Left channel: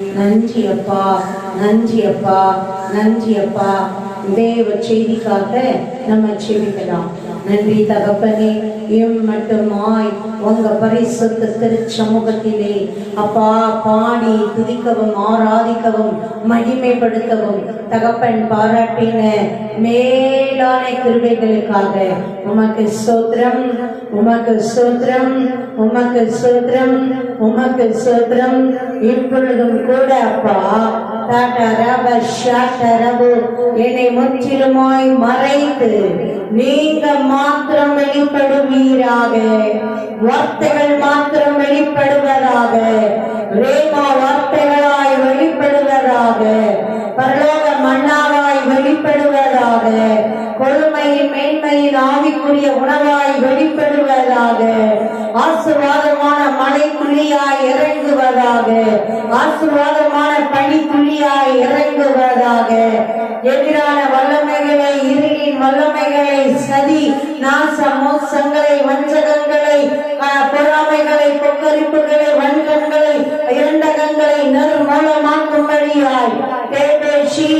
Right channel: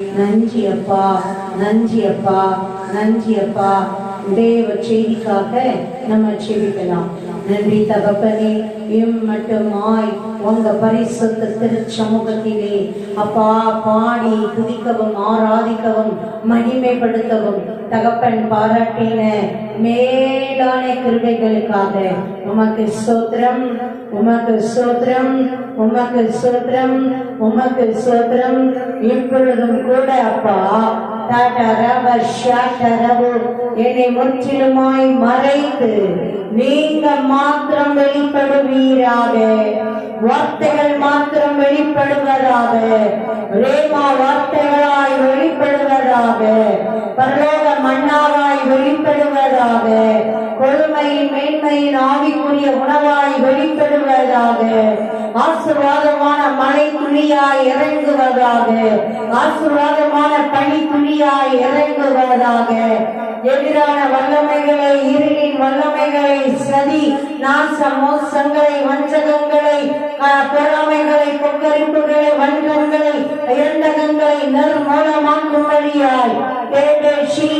நன்றி அப்பா, நன்றி அப்பா, நன்றி அப்பா. தேவ செய்திக்காக நம்ம செபிக்கலாம். நன்றி தகப்பனே, மட்டுமாய் உங்க பரிசுத்த திருச்சமூகத்திலே அப்பா பாடி துதிக்கவும் ஆராதிக்கவும் மகிமைப்படுத்தவும் தகப்பன் பாராட்டின மேலான கிருபைகளுக்காக உமக்கு ஸ்தோத்திரம், உமக்கு ஸ்தோத்திரம், உமக்கு ஸ்தோத்திரம், உமக்கு ஸ்தோத்திரம். இப்பொழுதும் கூட அப்பா என்னை முற்றிலுமாய் மறைத்து நீங்க மாத்திரம் வெளிப்படுவீராக, வார்த்தைகள் மாத்திரம் வெளிப்படுவதாக, ரேமா வார்த்தைகளாய் வெளிப்படுவதாக, பரலோக மன்னாவாய் வெளிப்படுவதாக, கொழுமையின் மேன்மையின் ஆவிக்குரிய உணவாய் வெளிப்படுவதாக, ஆசீர்வாதமான மழை துளியாய் இறங்குவதாக, ஆசீர்வாதமான பனி துளியாய் இறங்குவதாக. எதிரான வல்லமைகளை, இருளின் வல்லமைகளை, சதி நாச மோசங்களை, வஞ்சகங்களை, பொறாமைகளை, கொக்கரிப்புகளை, வஞ்சங்களை, இரண்டகங்களை நறுமூலமாக்கும்படியாய் தேவேஷி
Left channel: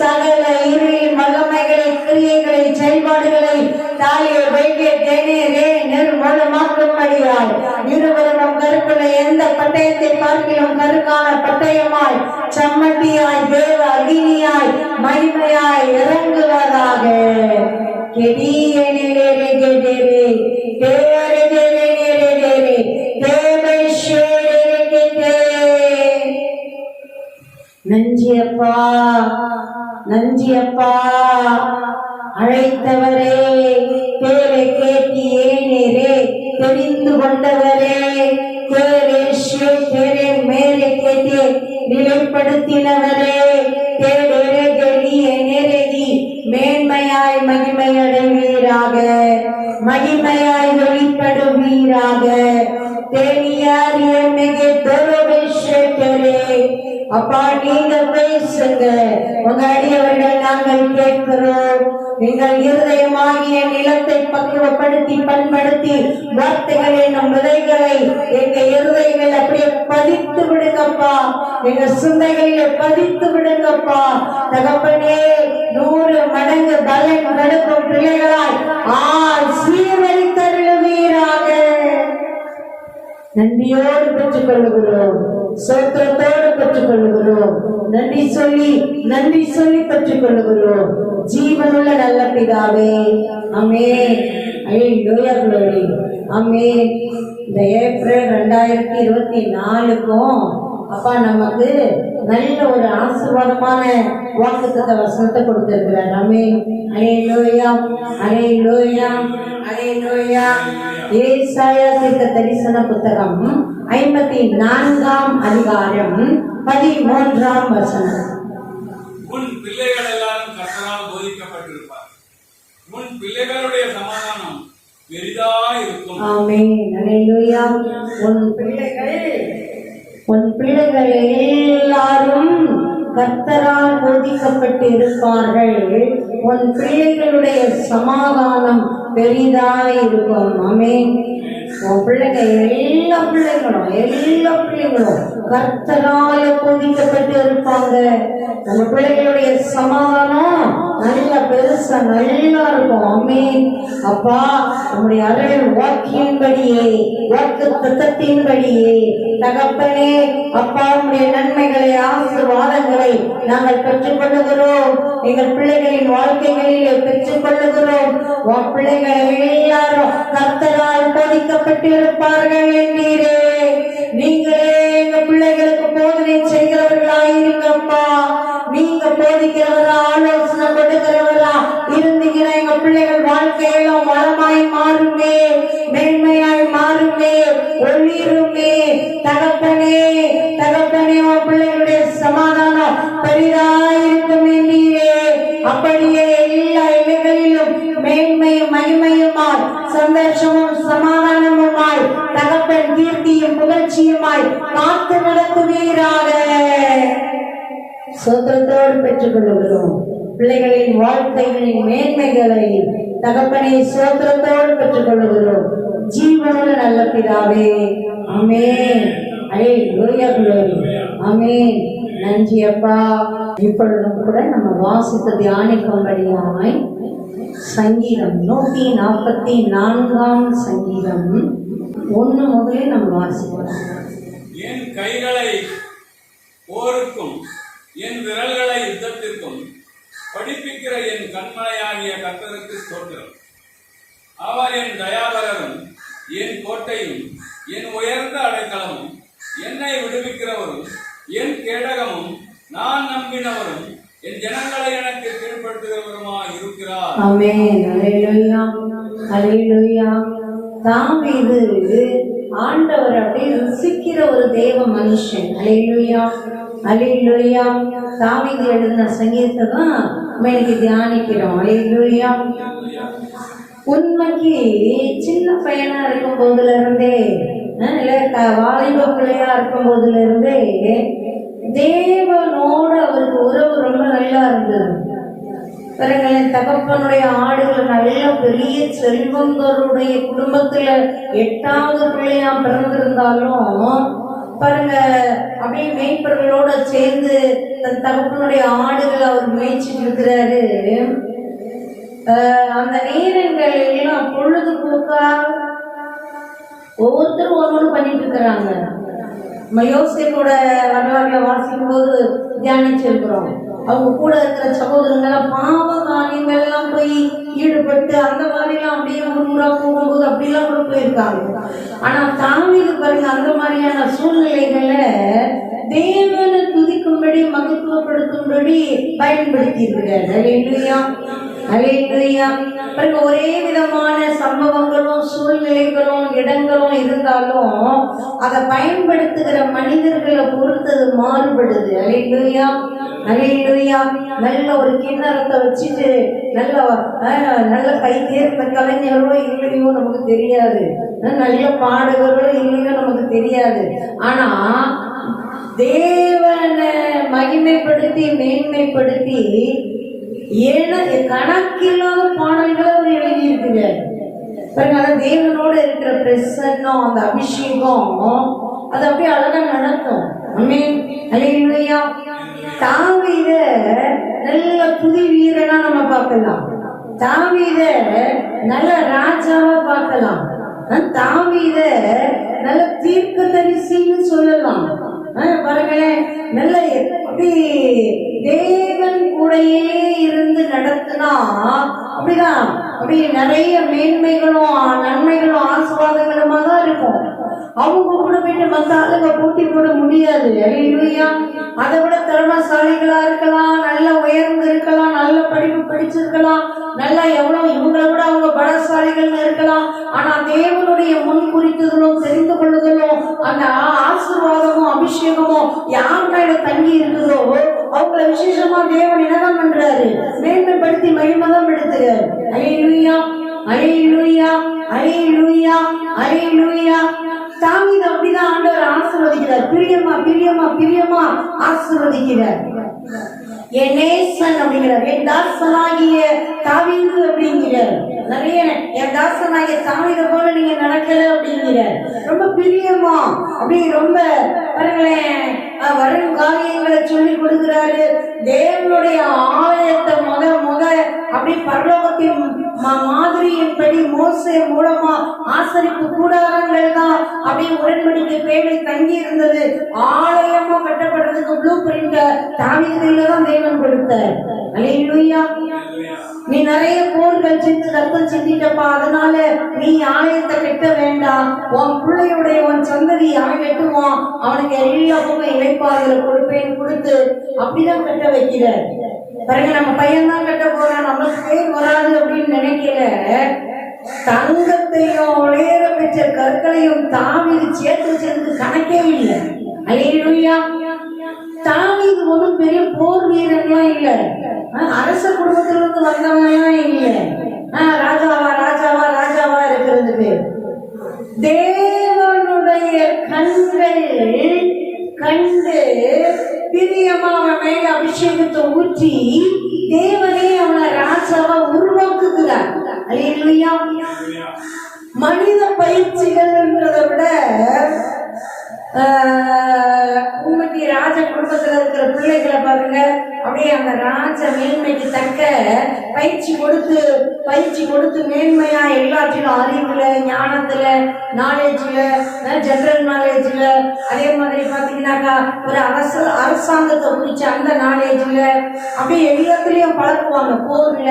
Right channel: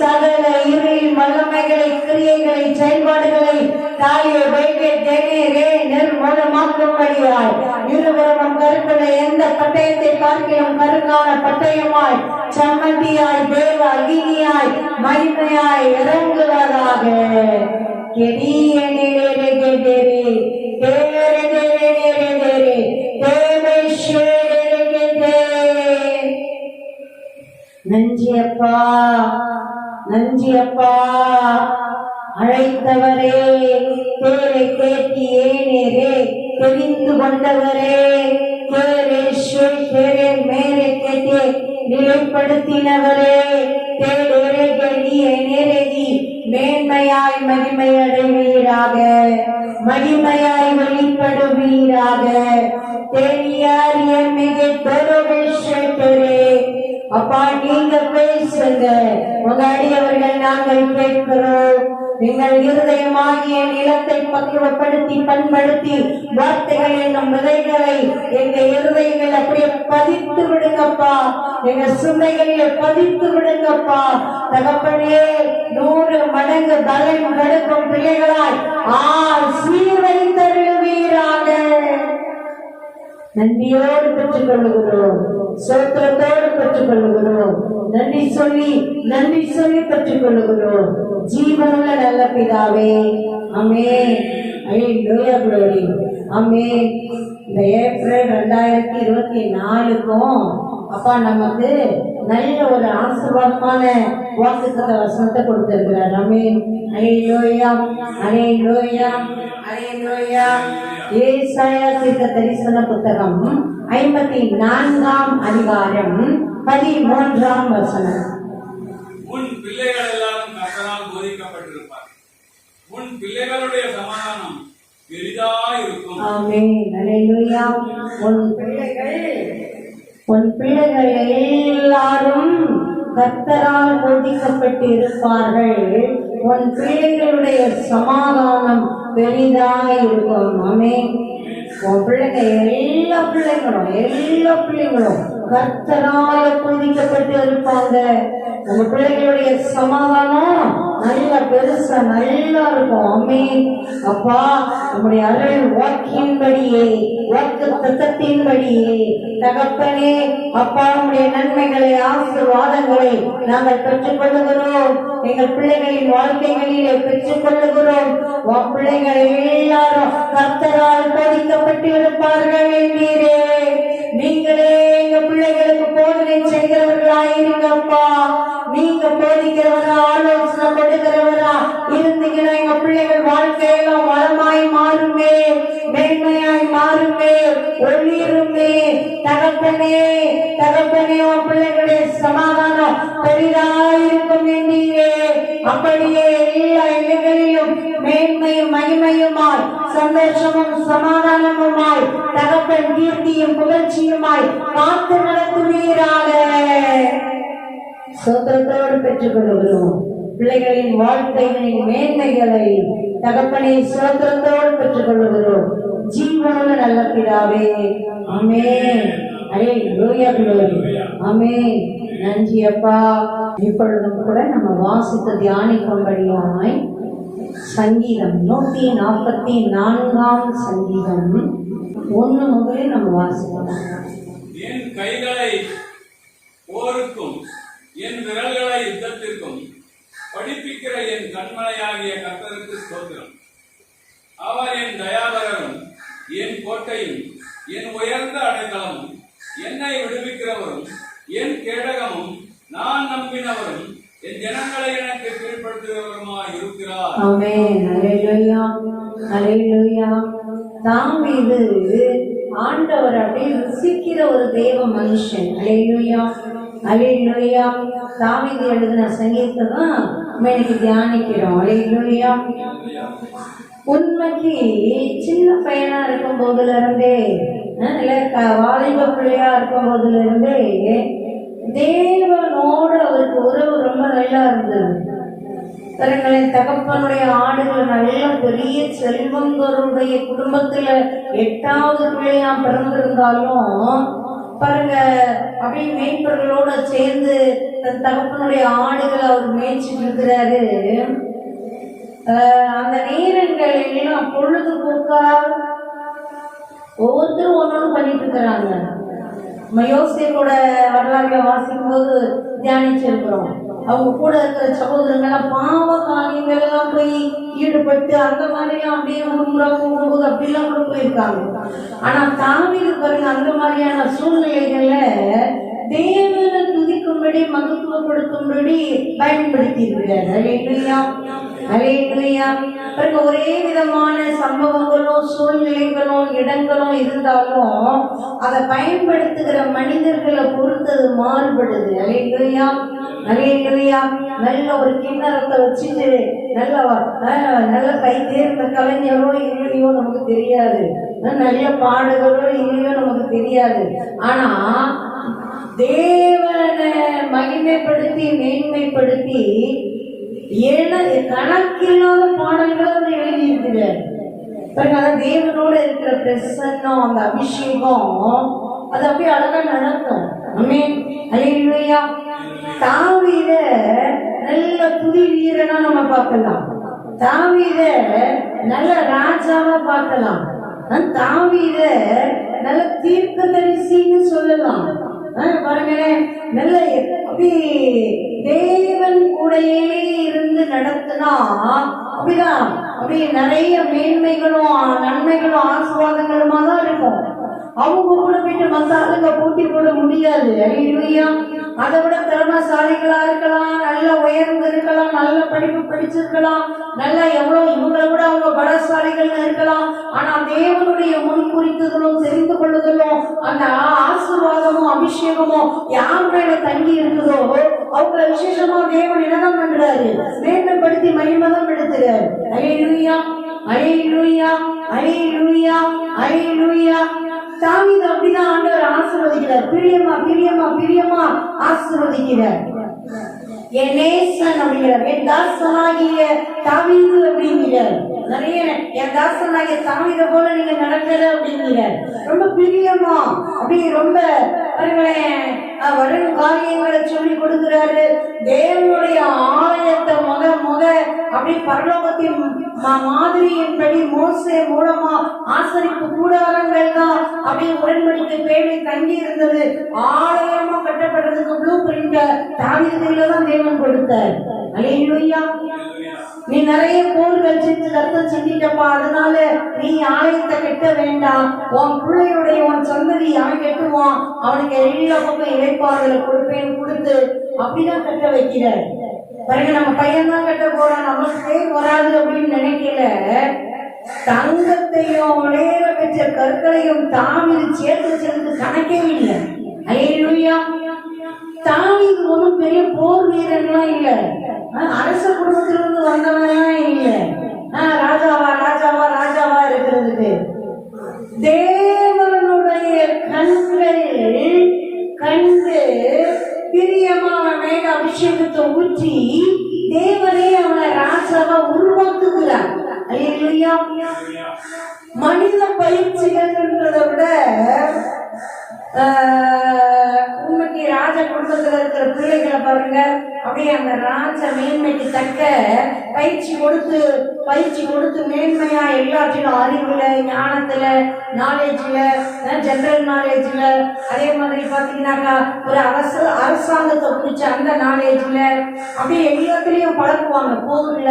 சகல இருளின் வல்லமைகளை, கிரியைகளை, செயல்பாடுகளை தாயை வைகே தேனே நறுமூலமாக்கும்படியாய் இருவரும் கருப்புள்ள எந்த பட்டயத்தை பார்க்கிறோம் கருக்கான பட்டயமாய் சம்மந்தியாய் தேவ அகினியாய் மகிமையாய் இறங்குவதாக. நஞ்சியப்பா, நஞ்சியப்பா, அழைத்தவரே, பேரை கேட்டி ஏனேரே தெரிந்து கொண்டவரே, மேலே கேட்டே நிலைப்படுத்தினவரே, மேன்மையாய் மகிமை அடைவீராக, மகிமையாய் வெளிப்படுவீராக. அப்பா நீங்க பேசுங்க, உங்க அடியவர்கள் நாங்கள் கேட்கிறோம். நீங்கள் இருதயமாகிய நிலத்தை பக்குவப்படுத்தி பண்படுத்தி வார்த்தைகள் என்னும் விதைகளை எங்க இருதயங்கள் அப்படியே பதித்து விடுங்கப்பா, எங்க சிந்தைகளிலே பதித்து விடுங்கப்பா. தகப்பனே 100 மடங்கு பலன் கொடுக்கும் பிள்ளைகளாய் சீர்வழித்தருளுவீராக. நன்றியோடு பெற்றுக் கொள்ளுகிறோம், சோத்திரத்தோடு பெற்றுக் கொள்ளுகிறோம், நன்றி சொல்லி பெற்றுக் கொள்ளுகிறோம். ஜீவனுள்ள நல்ல பிதாவே, ஆமென். ஆமென். இந்த ஏப்ரல் 2024க்கும் அப்பா நமக்கு நல்ல ஒரு ஆசீர்வாதமான வாக்குத்தத்த வசனத்தை கொடுத்திருக்கிறார். ஆமென். அல்லேலூயா, அல்லேலூயா, அல்லேலூயா. ஏசாயா தீர்க்க தரிசன புத்தகம் 54ஆம் அதிகாரம் 13ஆம் வசனம். உன் பிள்ளைகள் எல்லாம் கர்த்தரால் போதிக்கப்பட்டிருப்பார், உன் பிள்ளைகளுடைய சமாதானம் பெரிதாக இருக்கும். ஆமென். அல்லேலூயா. உன் பிள்ளைகள் எல்லாரும் கர்த்தரால் போதிக்கப்பட்டு இருப்பார்கள், உன் பிள்ளைகளுடைய சமாதானம் பெரிதாக இருக்கும். ஆமென். உன் பிள்ளைங்க எல்லா பிள்ளைங்களும் கர்த்தரால போதிக்கப்பட்டு இருப்பாங்க. உங்க பிள்ளைகளுடைய சமாதானம் நல்ல பெருசா நல்லா இருக்கும். ஆமென். அப்பா நம்முடைய அருள் வாக்கின்படியே, வாக்கு தத்தத்தின்படியே தகப்பனே அப்பா உடைய நன்மைகளை, ஆசீர்வாதங்களை நாங்கள் பெற்றுக் கொள்ளுகிறோம். எங்கள் பிள்ளைகளின் வாழ்க்கைகளிலே பெற்றுக் கொள்ளுகிறோம். உன் பிள்ளைகள் எல்லாரும் கர்த்தரால் போதிக்கப்பட்டு இருப்பார்கள் என்கிறே. நீங்களே எங்க பிள்ளைகளுக்கு போதனை செய்கிறவர்களாயிருங்கப்பா. நீங்க போதிக்கிறவரா, ஆலோசனை கொடுக்கிறவரா இருந்தீங்கன்னா எங்க பிள்ளைகள் வாழ்க்கையெல்லாம் வளமாய் மாறுமே, மேன்மையாய் மாறுமே, ஒளிருமே. தகப்பனே உன் பிள்ளைகளுடைய சமாதானம் பெரிதாயிருக்கும் என்றீரே. அப்படியே எல்லா இடங்களிலும் மேன்மையும் மகிமையுமாய், சந்தோஷமும் சமாதானமுமாய், தகப்பன் கீர்த்தியும் புகழ்ச்சியுமாய் காத்து நடத்துவீராக. சோத்திரத்தோடு பெற்றுக் கொள்ளுகிறோம். பிள்ளைகளின் வாழ்க்கைகளின் மேன்மைகளை தகப்பனை சோத்திரத்தோடு பெற்றுக் கொள்ளுகிறோம். ஜீவனுள்ள நல்ல பிதாவே, ஆமென். அல்லேலூயா. ஆமென். நன்றி அப்பா. இப்பொழுதும் கூட நம்ம வாசித்து தியானிக்கும்படியாய் சங்கீதம் 144 சங்கீதம் 1 முதலே நம்ம வாசிக்கலாம். என் கைகளை போருக்கும் என் விரல்களை யுத்தத்திற்கும் படிப்பிக்கிற என் கண்மலையாகிய கர்த்தருக்கு ஸ்தோத்திரம். அவர் என் தயாபரரும் என் கோட்டையும் என் உயர்ந்த அடைக்கலமும் என்னை விடுவிக்கிறவரும் என் கேடகமும் நான் நம்பினவரும் என் ஜனங்களை எனக்கு கீழ்ப்படுத்துகிறவருமாய் இருக்கிறார். ஆமென். அல்லேலூயா, அல்லேலூயா. தாவீது ஆண்டவர் அப்படியே ருசிக்கிற ஒரு தேவ மனுஷன். அல்லேலூயா, அல்லேலூயா. தாவீது எழுதின சங்கீதத்தை தான் நம்ம இன்னைக்கு தியானிக்கிறோம். அல்லேலூயா. உண்மைக்கு சின்ன பையனா இருக்கும் போதுல இருந்தே, வாலிப பிள்ளையா இருக்கும் போதுல இருந்தே தேவனோடு அவருக்கு உறவு ரொம்ப நல்லா இருந்தது. பாருங்களேன், தகப்பனுடைய ஆடுகள் நல்ல பெரிய செல்வந்தருடைய குடும்பத்துல 8வது பிள்ளையா பிறந்திருந்தாலும் பாருங்க, அப்படியே மேய்ப்பர்களோட சேர்ந்து தன் தகப்பனுடைய ஆடுகள் அவர் மேய்ச்சிட்டு இருக்கிறாரு. அந்த நேரங்கள் எல்லாம் பொழுதுபோக்கா ஒவ்வொருத்தரும் ஒன்னொன்று பண்ணிட்டு இருக்கிறாங்க. நம்ம யோசேப்போட வரலாறுல வாசிக்கும் போது தியானிச்சிருக்கிறோம். அவங்க கூட இருக்கிற சகோதரங்களாம் பாவ காரியங்கள் எல்லாம் போய் ஈடுபட்டு அந்த மாதிரிலாம் அப்படியே முன்முறை போகும்போது அப்படிலாம் கூட போயிருக்காங்க. ஆனா தாவீது பாருங்க, அந்த மாதிரியான சூழ்நிலைகள்ல தேவனை துதிக்கும்படி மகத்துவப்படுத்தும்படி பயன்படுத்தி இருக்கிறார். அல்லேலூயா, அல்லேலூயா. பாருங்க, ஒரே விதமான சம்பவங்களும் சூழ்நிலைகளும் இடங்களும் இருந்தாலும் அதை பயன்படுத்துகிற மனிதர்களை பொறுத்தது மாறுபடுது. அல்லேலூயா, அல்லேலூயா. நல்ல ஒரு கிண்ணறத்தை வச்சுட்டு நல்ல கை தேர்ந்த கலைஞரோ இல்லையோ நமக்கு தெரியாது, நல்ல பாடுகளோ இல்லையோ நமக்கு தெரியாது. ஆனா தேவனை மகிமைப்படுத்தி மேன்மைப்படுத்தி கணக்கில்லாத பாடல்களை அவர் எழுதியிருக்கிறார். தேவனோட இருக்கிற பிரசன்னம், அந்த அபிஷேகம் அது அப்படியே அழகா நடக்கும். அல்லேலூயா. தாவீத நல்ல புதி வீரனா நம்ம பார்க்கலாம். தாவீத நல்ல ராஜாவா பார்க்கலாம். தாவீத நல்ல தீர்க்கதரிசின்னு சொல்லலாம். பாருங்களேன், நல்ல எப்படி தேவன் கூடையே இருந்து நடத்தினா அப்படிதான் அப்படியே நிறைய மேன்மைகளும் நன்மைகளும் ஆசீர்வாதங்களுமா தான் இருக்கும். அவங்க கூட போயிட்டு மற்ற ஆளுங்க போட்டி போட முடியாது. அல்லேலூயா. அதை விட திறமைசாலிகளா இருக்கலாம், நல்ல உயர்ந்து இருக்கலாம், நல்ல படிப்பு படிச்சிருக்கலாம், நல்லா எவ்வளவு இவங்களை விட அவங்க பலசாலிகள் இருக்கலாம். ஆனா தேவனுடைய முன் குறித்ததும் தெரிந்து கொள்ளுதலும் அந்த ஆசீர்வாதமும் அபிஷேகமும் யார் மேல தங்கி இருக்குதோ அவங்கள விசேஷமா தேவன் என்னதான் பண்றாரு, மேன்மைப்படுத்தி மகிமைதான் எடுத்துறாரு. அல்லேலூயா, அல்லேலூயா, அல்லேலூயா, அல்லேலூயா. தாவீது அப்படிதான் ஆண்டவர் ஆசீர்வதிக்கிறார். பிரியமா பிரியமா பிரியமா ஆசீர்வதிக்கிறார். என் நேசன் அப்படிங்கிறார், என் தாசனாகிய தாவீது அப்படிங்கிறார். நிறைய என் தாசனாகிய தாவீத போல நீங்க நடக்கல அப்படிங்கிறார். ரொம்ப பிரியமா அப்படி ரொம்ப வரும் காரியங்களை சொல்லி கொடுக்கிறாரு. தேவனுடைய ஆலயத்தை முக அப்படி பரலோகத்தின் மாதிரியின்படி மோசே மூலமா ஆசரிப்பு கூடாரங்கள் தான் அப்படி உடன்படிக்கை பேரை தங்கி இருந்தது. ஆலயமா கட்டப்படுறதுக்கு ப்ளூ பிரிண்ட தாவீதுல தான் தேவன் கொடுத்தார். அல்லேலூயா. நீ நிறைய போர்கள் செஞ்சு ரத்தம் செஞ்சிட்டப்பா, அதனால நீ ஆலயத்தை கட்ட வேண்டாம், உன் பிள்ளையுடைய உன் சந்ததி அவன் கட்டுவான், அவனுக்கு எல்லா பக்கம் இழைப்பாறுதலை கொடுப்பேன்னு கொடுத்து அப்படிதான் கட்ட வைக்கிறார். பிறகு நம்ம பையன் தான் கட்ட போறான், நம்மளுக்கு பேர் வராது அப்படின்னு நினைக்கல. தங்கத்தையும் உலக பெற்ற கற்களையும் தாவீது சேர்த்து வச்சிருந்து கணக்கே இல்லை. அல்லேலூயா. தாவீது ஒன்றும் பெரிய போர் வீரன்லாம் இல்லை, அரச குடும்பத்திலிருந்து வந்தவன்லாம் இல்லை, ராஜாவா ராஜாவா ராஜாவா இருக்கிறதுக்கு. தேவனுடைய கண்கள் கண்டு பிரியமா அவன் மேல அபிஷேகத்தை ஊற்றி தேவனே அவனை ராஜாவா உருவாக்குகிறார். அல்லேலூயா. மனித பயிற்சிகள் என்றதை விட உண்மைக்கு ராஜ பிள்ளைகளை பாருங்க, அப்படியே அந்த ராஜ மேன்மைக்கு தக்க பயிற்சி கொடுத்து மேன்மையா எல்லாத்திலும் அறிவுல, ஞானத்துல, நாலேஜ்ல, ஜெனரல் நாலேஜ்ல, அதே மாதிரி பாத்தீங்கன்னாக்கா ஒரு அரசாங்கத்தை குறிச்ச அந்த நாலேஜ்ல அப்படியே எல்லாத்துலயும் பழக்குவாங்க. போர்ல,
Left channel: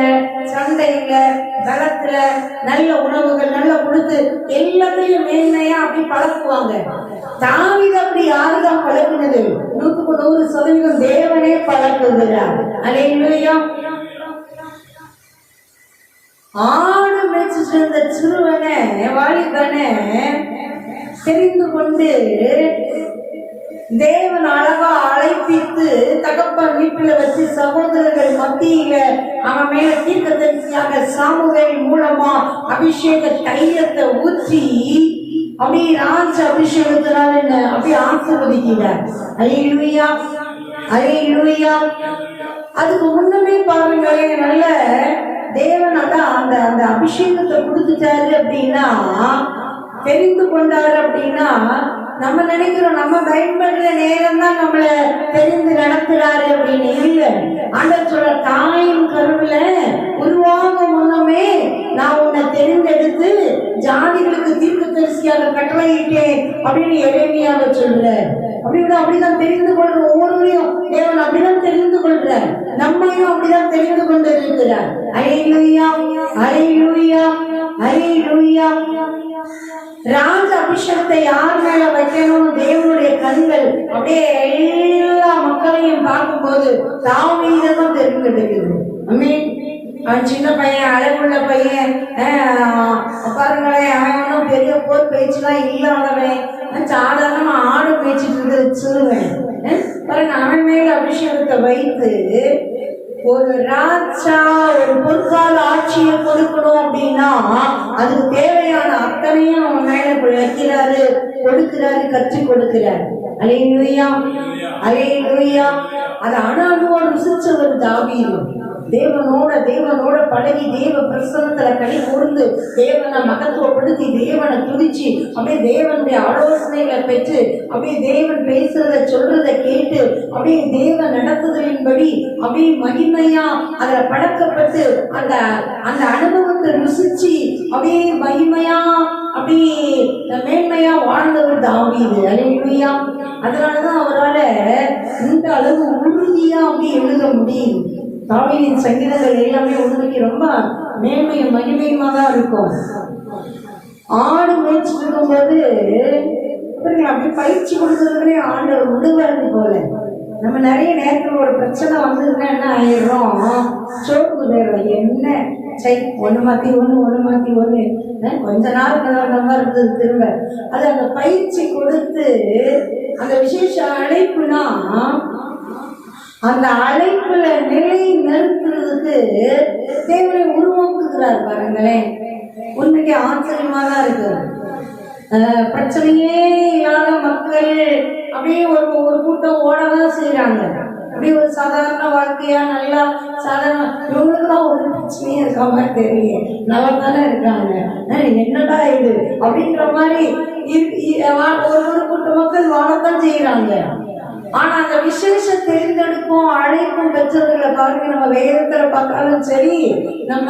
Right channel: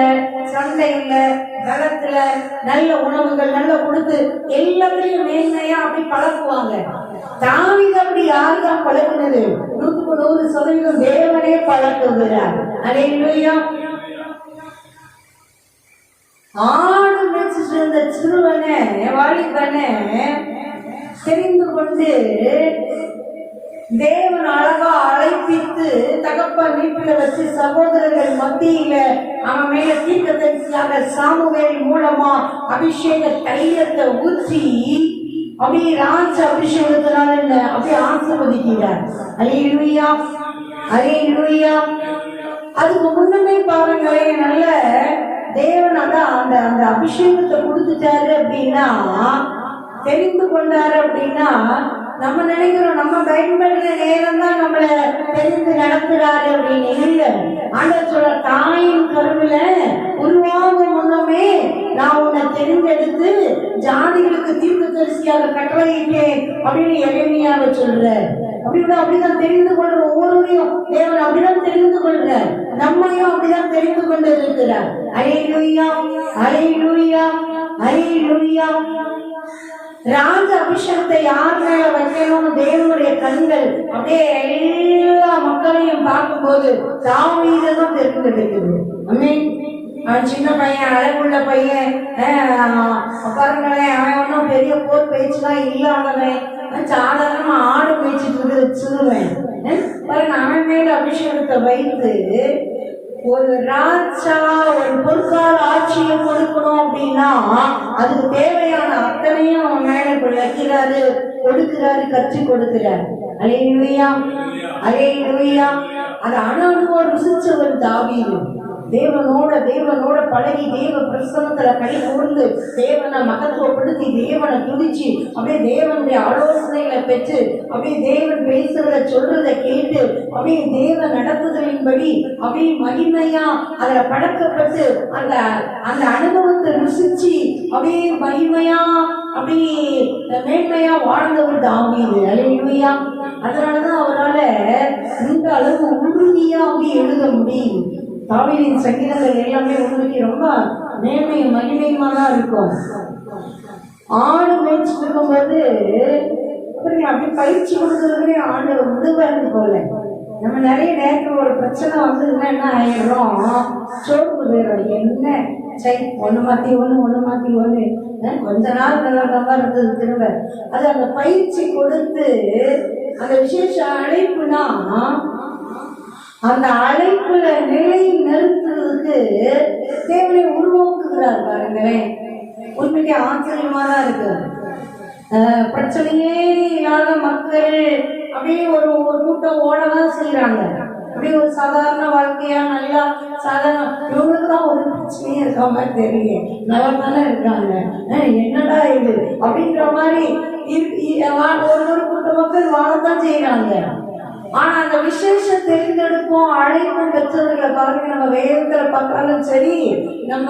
சண்டையில, பலத்துல, நல்ல உணவுகள் நல்லா கொடுத்து எல்லாத்துலயும் மேன்மையா அப்படி பழக்குவாங்க. தாவீது அப்படி யாருதான் பழக்குனது? 100% தேவனே பழக்குகிறார். அல்லேலூயா. ஆடு மேய்ச்சிட்டு இருந்த சிறுவனை, வாலிபனை தெரிந்து கொண்டு தேவன் அழகா அழைப்பித்து தகப்பன் வீட்டுல வச்சு சகோதரர்கள் மத்தியில அவன் மேல தீர்க்கதரிசியாக சாமுவேல் மூலமா அபிஷேக தைலத்தை ஊற்றி அப்படியே ராஜ அபிஷேகத்தினால அப்படியே ஆசீர்வதிக்கிறார். அல்லேலூயா, அல்லேலூயா. அதுக்கு முன்னமே பாருங்களேன், நல்ல தேவன் அந்த அந்த அபிஷேகத்தை கொடுத்துட்டாரு அப்படின்னா, தெரிந்து கொண்டாரு அப்படின்னா, நம்ம நினைக்கிறோம் நம்ம பயன்படுற நேரம் தான் நம்மள தெரிந்து நடத்துறாரு அப்படின்னு. இல்லை, ஆண்டவர் சொல்ற, தாயின் கருவில உருவாகும் முன்னமே நான் உன்னை தெரிந்தெடுத்து ஜாதிகளுக்கு தீர்க்கதரிசியாக கட்டளையிட்டேன் அப்படின்னு எளிமையாக சொல்ற. அப்படிதான் தெரிந்து கொள்ற. ஒவ்வொருவரையும் தேவன் அப்படிதான் தெரிந்து கொள்ற. நம்மையும் அப்படிதான் தெரிந்து கொண்டு இருக்கிறார். அல்லேலூயா, அல்லேலூயா, அல்லேலூயா. ராஜ அபிஷேகத்தை யார் மேல வைக்கணும்? தேவனுடைய கண்கள் அப்படியே எல்லா மக்களையும் பார்க்கும்போது தாவீதுதான் தெரிந்தெடுக்குது. ஆமென். அவன் சின்ன பையன், அழகுள்ள பையன், பாருங்களேன், அவன் ஒன்றும் பெரிய போர் பயிற்சிலாம் இல்லாதவன், சாதாரணமா ஆடு மேய்ச்சிட்டு இருக்க சிறுவன் பாருங்க. அவன் மேல அபிஷேகத்தை வைத்து ஒரு ராஜா ஒரு பொற்கால ஆட்சியை கொடுக்கணும் அப்படின்னா அதுக்கு தேவையான அத்தனையும் அவன் மேல வைக்கிறாரு, கொடுக்கிறாரு, கற்றுக் கொடுக்கிறாரு. அல்லேலூயா, அல்லேலூயா. அது அனுபவம் ருசிச்சவர் தாவீது. தேவனோட பழகி தேவ பிரசன்னத்துல கை கூர்ந்து தேவனை மகத்துவப்படுத்தி தேவனை துதிச்சு அப்படியே தேவனுடைய ஆலோசனைகளை பெற்று அப்படியே தேவன் பேசுறத சொல்றத கேட்டு அப்படியே தேவன் நடத்துதலின்படி அப்படியே மகிமையா அதுல பழக்கப்பட்டு அந்த அந்த அனுபவத்தை ருசிச்சு அப்படியே மகிமையா அப்படியே மேன்மையா வாழ்ந்தவர் தாவீது. அல்லேலூயா. அதனாலதான் அவரால் இந்த அளவு உறுதியா அப்படி எழுத முடியும். தாவீதின் சங்கீதங்கள் எல்லாமே உங்களுக்கு ரொம்ப மேன்மையும் மகிமையுமா தான் இருக்கும். ஆடு மேய்ச்சிட்டு இருக்கும்போது அப்படி பயிற்சி கொடுக்கறதுலே ஆண்டவர் விடுவாரு போல. நம்ம நிறைய நேரத்தில் ஒரு பிரச்சனை வந்ததுன்னா என்ன ஆயிடுறோம்? சோர்ந்து போயிடும். என்ன ஒன்று மாற்றி ஒன்று கொஞ்ச நாள் மாதிரி இருந்தது. திரும்ப அது அந்த பயிற்சி கொடுத்து அந்த விசேஷ அழைப்புனா அந்த அழைப்புல நிலை நிறுத்துறதுக்கு தேவனை உருவாக்குகிறார். பாருங்களேன், உண்மைக்கு ஆச்சரியமா தான் இருக்கு. பிரச்சனையே இல்லாத மக்கள் அப்படியே ஒரு கூட்டம் ஓடதான் செய்யறாங்க. அப்படியே ஒரு சாதாரண வாழ்க்கையா நல்லா சாதாரண இவங்களுக்கு தான் ஒரு பிரச்சனையே இருக்க மாதிரி தெரியல, நல்லா தானே இருக்காங்க, என்னடா இது அப்படின்ற மாதிரி ஒரு கூட்ட மக்கள் வாழத்தான் செய்யறாங்க. ஆனா அந்த விசேஷ தேர்ந்தெடுப்போம் அழைப்பும் பெற்றவர்களை பாருங்க, நம்ம வேதத்துல பார்த்தாலும் சரி, நம்ம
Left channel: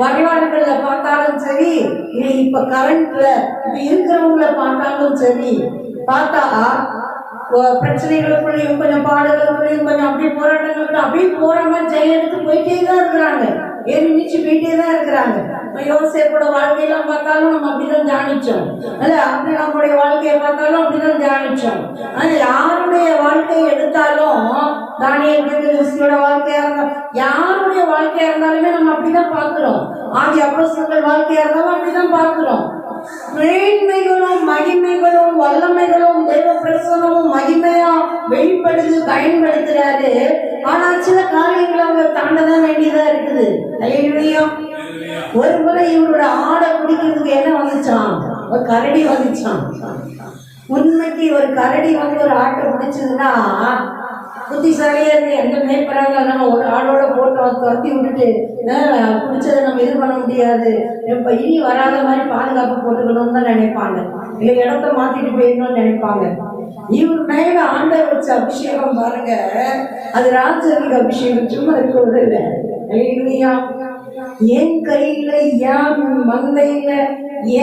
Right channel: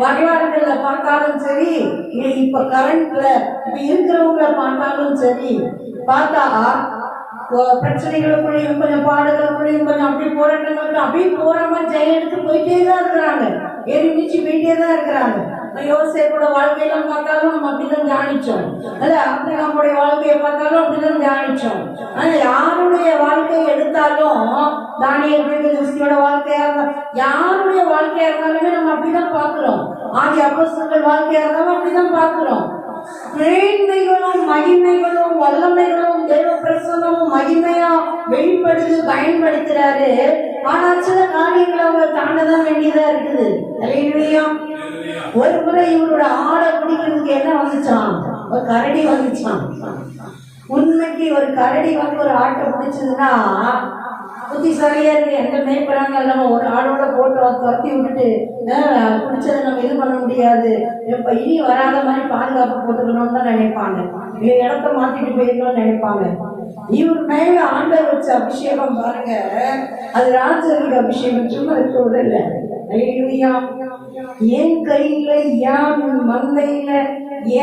வரலாறுகள்ல பார்த்தாலும் சரி, இல்லை இப்ப கரண்ட்ல இப்ப இருக்கிறவங்களை பார்த்தாலும் சரி, பார்த்தா பிரச்சனைகளுக்குள்ளேயும் கொஞ்சம் பாடுகளுக்குள்ளேயும் கொஞ்சம் அப்படியே போராட்டங்களுக்கு அப்படியே போராம ஜெயம் எடுத்து போயிட்டே தான் இருக்கிறாங்க, ஏறி நீச்சு போயிட்டே தான் இருக்கிறாங்க. யோசேப்போட வாழ்க்கையெல்லாம் பார்த்தாலும் நம்ம அப்படிதான் தியானிச்சோம். அது ஆபிரகாமுடைய வாழ்க்கையை பார்த்தாலும் அப்படிதான் தியானிச்சோம். அது யாருடைய வாழ்க்கையை எடுத்தாலும், தானியேல் தீர்க்கதரிசியோட வாழ்க்கையா இருந்தாலும், யாருடைய வாழ்க்கையா இருந்தாலுமே நம்ம அப்படிதான் பார்க்கிறோம். ஆதி அப்போஸ்தலர்கள் வாழ்க்கையா இருந்தாலும் அப்படிதான் பார்க்கிறோம். மேன்மைகளும் மகிமைகளும் வல்லமைகளும் தேவ பிரசனமும் மகிமையா வெளிப்படுது, பயன்படுத்துறாரு. ஆனா சில காரியங்களை அவங்க தாண்டதான் வேண்டியதா இருக்குது. அல்லேலூயா. ஒரு முறை இவரோட ஆடை பிடிக்கிறதுக்கு என்ன வந்துச்சான்? ஒரு கரடி வந்துச்சான். உண்மைக்கு ஒரு கரடி வந்து ஒரு ஆட்டை பிடிச்சதுன்னா புத்திசாலியா இருக்கு. எங்க மேய்க்கிறாங்க ஒரு ஆடோட போட்டு துரத்தி விட்டுட்டு பிடிச்சதை நம்ம இது பண்ண முடியாது, இப்ப இனி வராத மாதிரி பாதுகாப்பு போட்டுக்கணும்னு தான் நினைப்பாங்க. இல்லை இடத்த மாத்திட்டு போயிடணும்னு நினைப்பாங்க. இவர் மேல ஆண்டவர் வச்ச அபிஷேகம் பாருங்க, அது ராஜருக்கு அபிஷேகம் சும்மா இருக்க விடல. அல்லேலூயா. என் கையில, என் மந்தையில,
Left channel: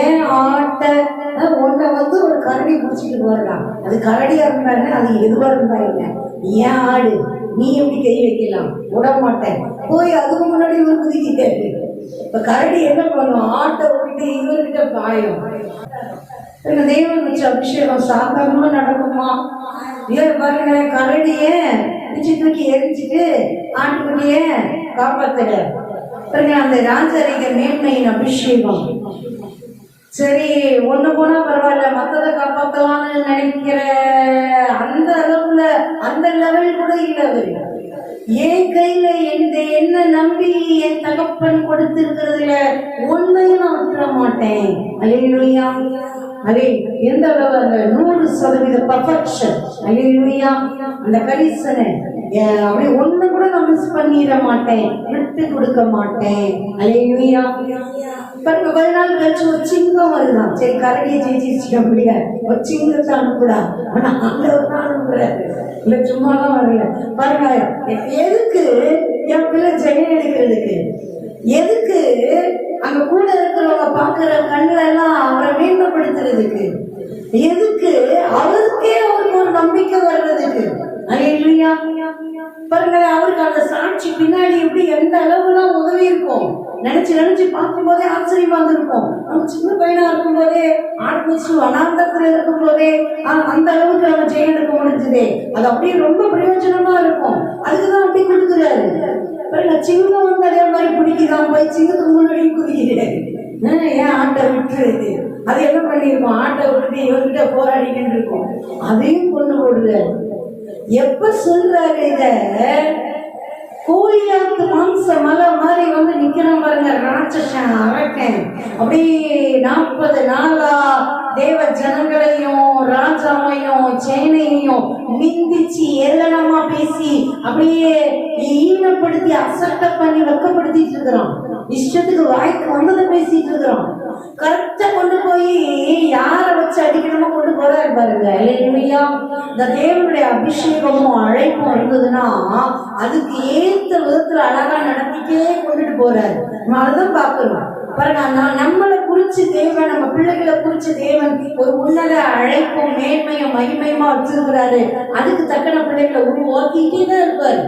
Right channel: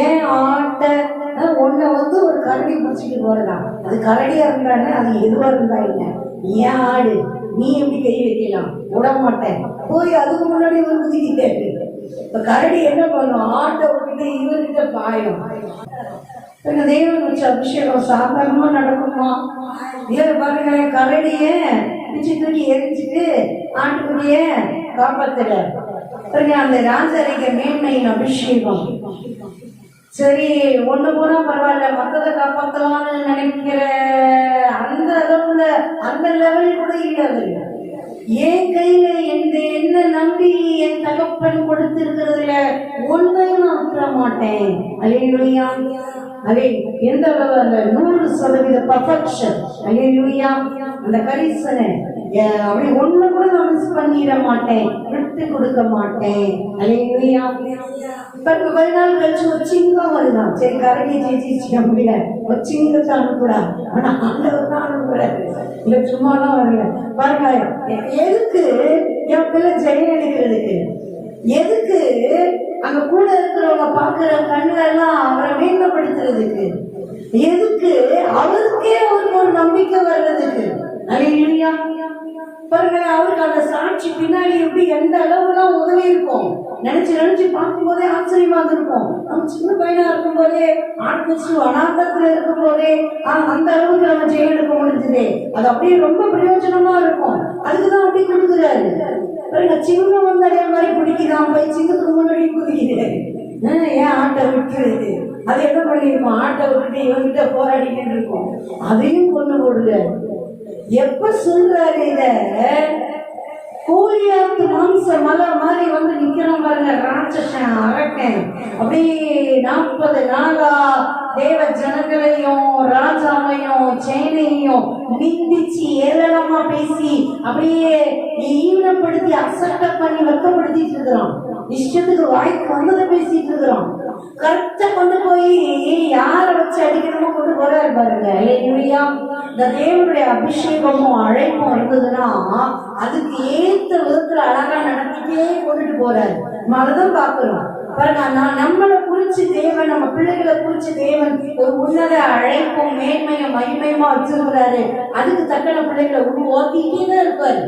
ஏன் ஆட்ட உன்னை வந்து ஒரு கரடி பிடிச்சிட்டு போறான். அது கரடியா இருந்தாங்க, அது எதுவா இருந்தா இல்லை. ஏன் ஆடு, நீ எப்படி கை வைக்கலாம்? விட மாட்டேன். போய் அதுக்கு முன்னாடி இவர் குதிக்கிட்டாரு. இப்ப கரடி என்ன பண்ணும்? ஆட்டை விட்டுட்டு இவர்கிட்ட பாயும். தேவன் வச்ச அபிஷேகம் சாதாரணமா நடக்குமா? பாருங்க, கரடிய பிச்சு தூக்கி எரிஞ்சிட்டு ஆட்டுக்குட்டிய காப்பாத்துற அந்த ராஜரிக மேன்மையின் அபிஷேகம். சரி, ஒண்ணு போனா பரவாயில்ல, மத்ததை காப்பாத்தலாம்னு நினைக்கிற அந்த அளவுல, அந்த லெவல் கூட இல்லை அவரு. என் கையில என்ன நம்பி என் தகப்பன் கொடுத்திருக்கிறதுல ஒன்றை நான் விட்டுற மாட்டேன். அல்லேலூயா. அதே எந்த அளவு? 100% பர்ஃபெக்ஷன். அல்லேலூயா. அந்த கரிசனை அப்படி ஒண்ணு கூட நான் மிஸ் பண்ணிட மாட்டேன், விட்டு கொடுக்க மாட்டேன். அல்லேலூயா. பிறகு 10 நாள் கழிச்சு ஒரு சிங்கம் வருதான். சரி, கரடியை ஜெயிச்சிருக்க முடியாது, ஒரு சிங்கத்தை அனுப்புறாரு. ஆனா ஆண்டவர் தான் அனுப்புறாரு, இல்ல சும்மாலாம் வரல. பாருங்க, எதுக்கு என் பிள்ளை ஜெயம் எடுக்கிறதுக்கு? எதுக்கு அங்க கூட இருக்கிறவங்க பாக்குற கண்ணுல எல்லாம் அவரை மேன்மைப்படுத்துறதுக்கு? எதுக்கு அவருக்கே அவருக்கு ஒரு நம்பிக்கை வர்றதுக்கு? அல்லேலூயா. பாருங்க, அவருக்கு அந்த சாட்சி பின்னாடி எப்படி எந்த அளவுலாம் உதவி இருக்கும் நினைச்சு பார்க்கும் போதே ஆச்சரியமா இருந்திருக்கும். நம்ம சின்ன பையனா இருக்கும் போதே, ஆட்மிச்சு அனாந்தத்துல இருக்கும் போதே அந்த அளவுக்கு நம்ம ஜெயம் எடுக்க முடிஞ்சதே, அது அப்படியே ரொம்ப பிரயோஜனமா இருக்கும். அதுக்குதான் அப்படி கொடுக்குறாரு. பாருங்க, சிங்கம் வந்து அதே மாதிரி பிடிக்கிறான், போய் சிங்கத்துக்கு முன்னாடி குதிக்கிறாரு. ஏன் ஆட்டை விட்டுருக்கு? அது என்ன பண்ணிருக்கோம்? ஆட்டை விட்டுட்டு இவங்கிட்ட போராடிக்கிட்டு இருக்கோம், அதையும் கொண்டு போடுறாரு. எப்ப சொல்றாரு இத? கோலியாத்து மாம்ச மலை மாதிரி வந்து நிக்கிறான் பாருங்க, ராட்சசன் அரக்கன். அப்படி 40 நாளா தேவ ஜனங்களையும் ராஜாவையும் சேனையையும் நிந்திச்சு ஏளனமா பேசி அப்படியே ஈனப்படுத்தி அசட்ட பண்ணி வெக்கப்படுத்திட்டு இருக்கிறான். இஷ்டத்துக்கு வாய்க்கு வந்ததை பேசிட்டு இருக்கிறான். கரெக்டா கொண்டு போய் யாரை வச்சு அடிக்கணுமோ கொண்டு போறாரு பாருங்க. இல்லையா? இந்த தேவனுடைய அபிஷேகமும் அழைப்பும் இருந்ததுன்னா அதுக்கு ஏத்த விதத்துல அழகா நடத்திட்டே கொண்டுட்டு போறாரு. நம்ம அதைதான் பாக்குறோம். நம்மளை குறிச்சு தேவன், நம்ம பிள்ளைகளை குறிச்சு தேவன் ஒரு உன்னத அழைப்பும் மேன்மையும் மகிமையுமா வச்சிருக்கிறாரு. அதுக்கு தக்கன பிள்ளைகளை உருவாக்கிட்டே தான் இருப்பாரு.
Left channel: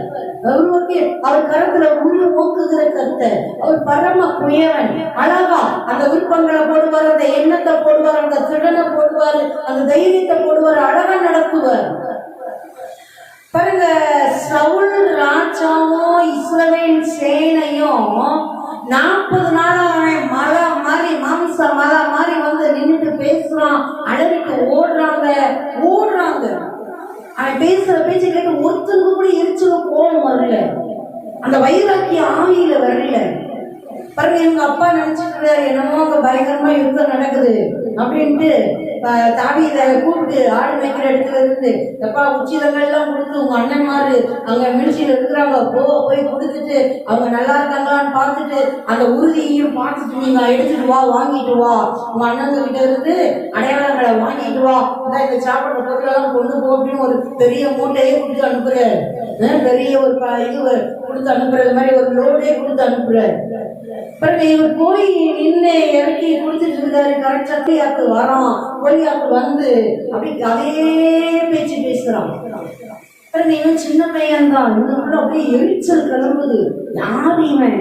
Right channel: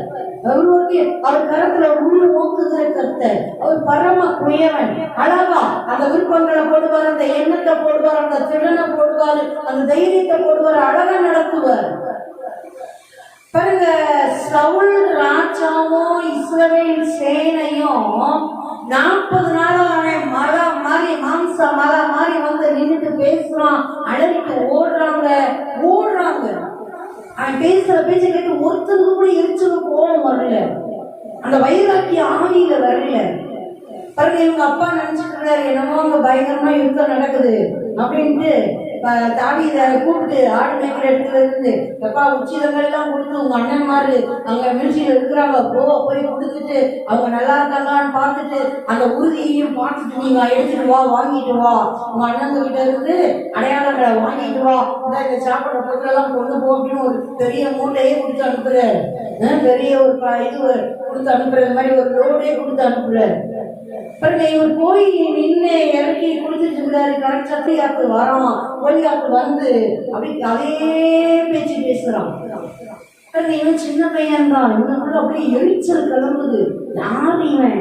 அவர் கரத்துல உருவாக்குகிற கர்த்தர். அவர் பரம குயவன். அழகா அந்த விருப்பங்களை போடுவார், அந்த எண்ணத்தை போடுவார், அந்த திறனை போடுவார், அந்த தைரியத்தை போடுவார், அழகா நடத்துவார். பாருங்க, சவுல் ராஜாவும் இஸ்ரவேல் சேனையும் 40 நாளா அவன் மலை மாதிரி, மாம்ச மலை மாதிரி வந்து நின்றுட்டு பேசுறான், அடவிட்டு ஓடுறாங்க. அவன் பேசுற பேச்சு கேட்டு ஒருத்தருக்கு கூட எரிச்சல கோபம் வரல, அந்த வைராக்கிய ஆவியில வரல. பாருங்க, எங்க அப்பா நினைச்சிட்டு என்னமோ பயங்கரமா யுத்தம் நடக்குது அப்படின்ட்டு தாவீதை கூப்பிட்டு ஆடு மேய்க்கிற இடத்துல இருந்து, எப்பா உச்சிதங்கள்லாம் கொடுத்து உங்க அண்ணன் மாறு அங்க மில்ச்சியில் இருக்கிறாங்க, போய் கொடுத்துட்டு அவங்க நல்லா இருக்காங்களான்னு பார்த்துட்டு அந்த உறுதியையும் பார்த்துட்டு நீங்க எடுத்துட்டு வா, வாங்கிட்டு வா, உங்க அண்ணன் கிட்ட இருந்து அடையாளங்களை வாங்கிட்டு வா, இந்த சாப்பிட்ற பொருளெல்லாம் கொண்டு போ அப்படின்னு ஒரு பெரிய மூட்டையே கொடுத்து அனுப்புறாரு. பெரிய ஒரு இது கொடுத்து அனுப்புறது மாதிரி ஒரு லோடே கொடுத்து அனுப்புறாரு. பாருங்க, இவர் போய் நின்று இறக்கி கொடுத்துட்டு இருக்காரு. கரெக்டா கோலியாத்து வரோம், கோலியாத்து வந்து அப்படி அதே பேச்சு பேசுறான். இவன் சின்ன பையன் தான், இவனுக்குள்ள அப்படியே எரிச்சல் கிளம்புது. யார் இவன்?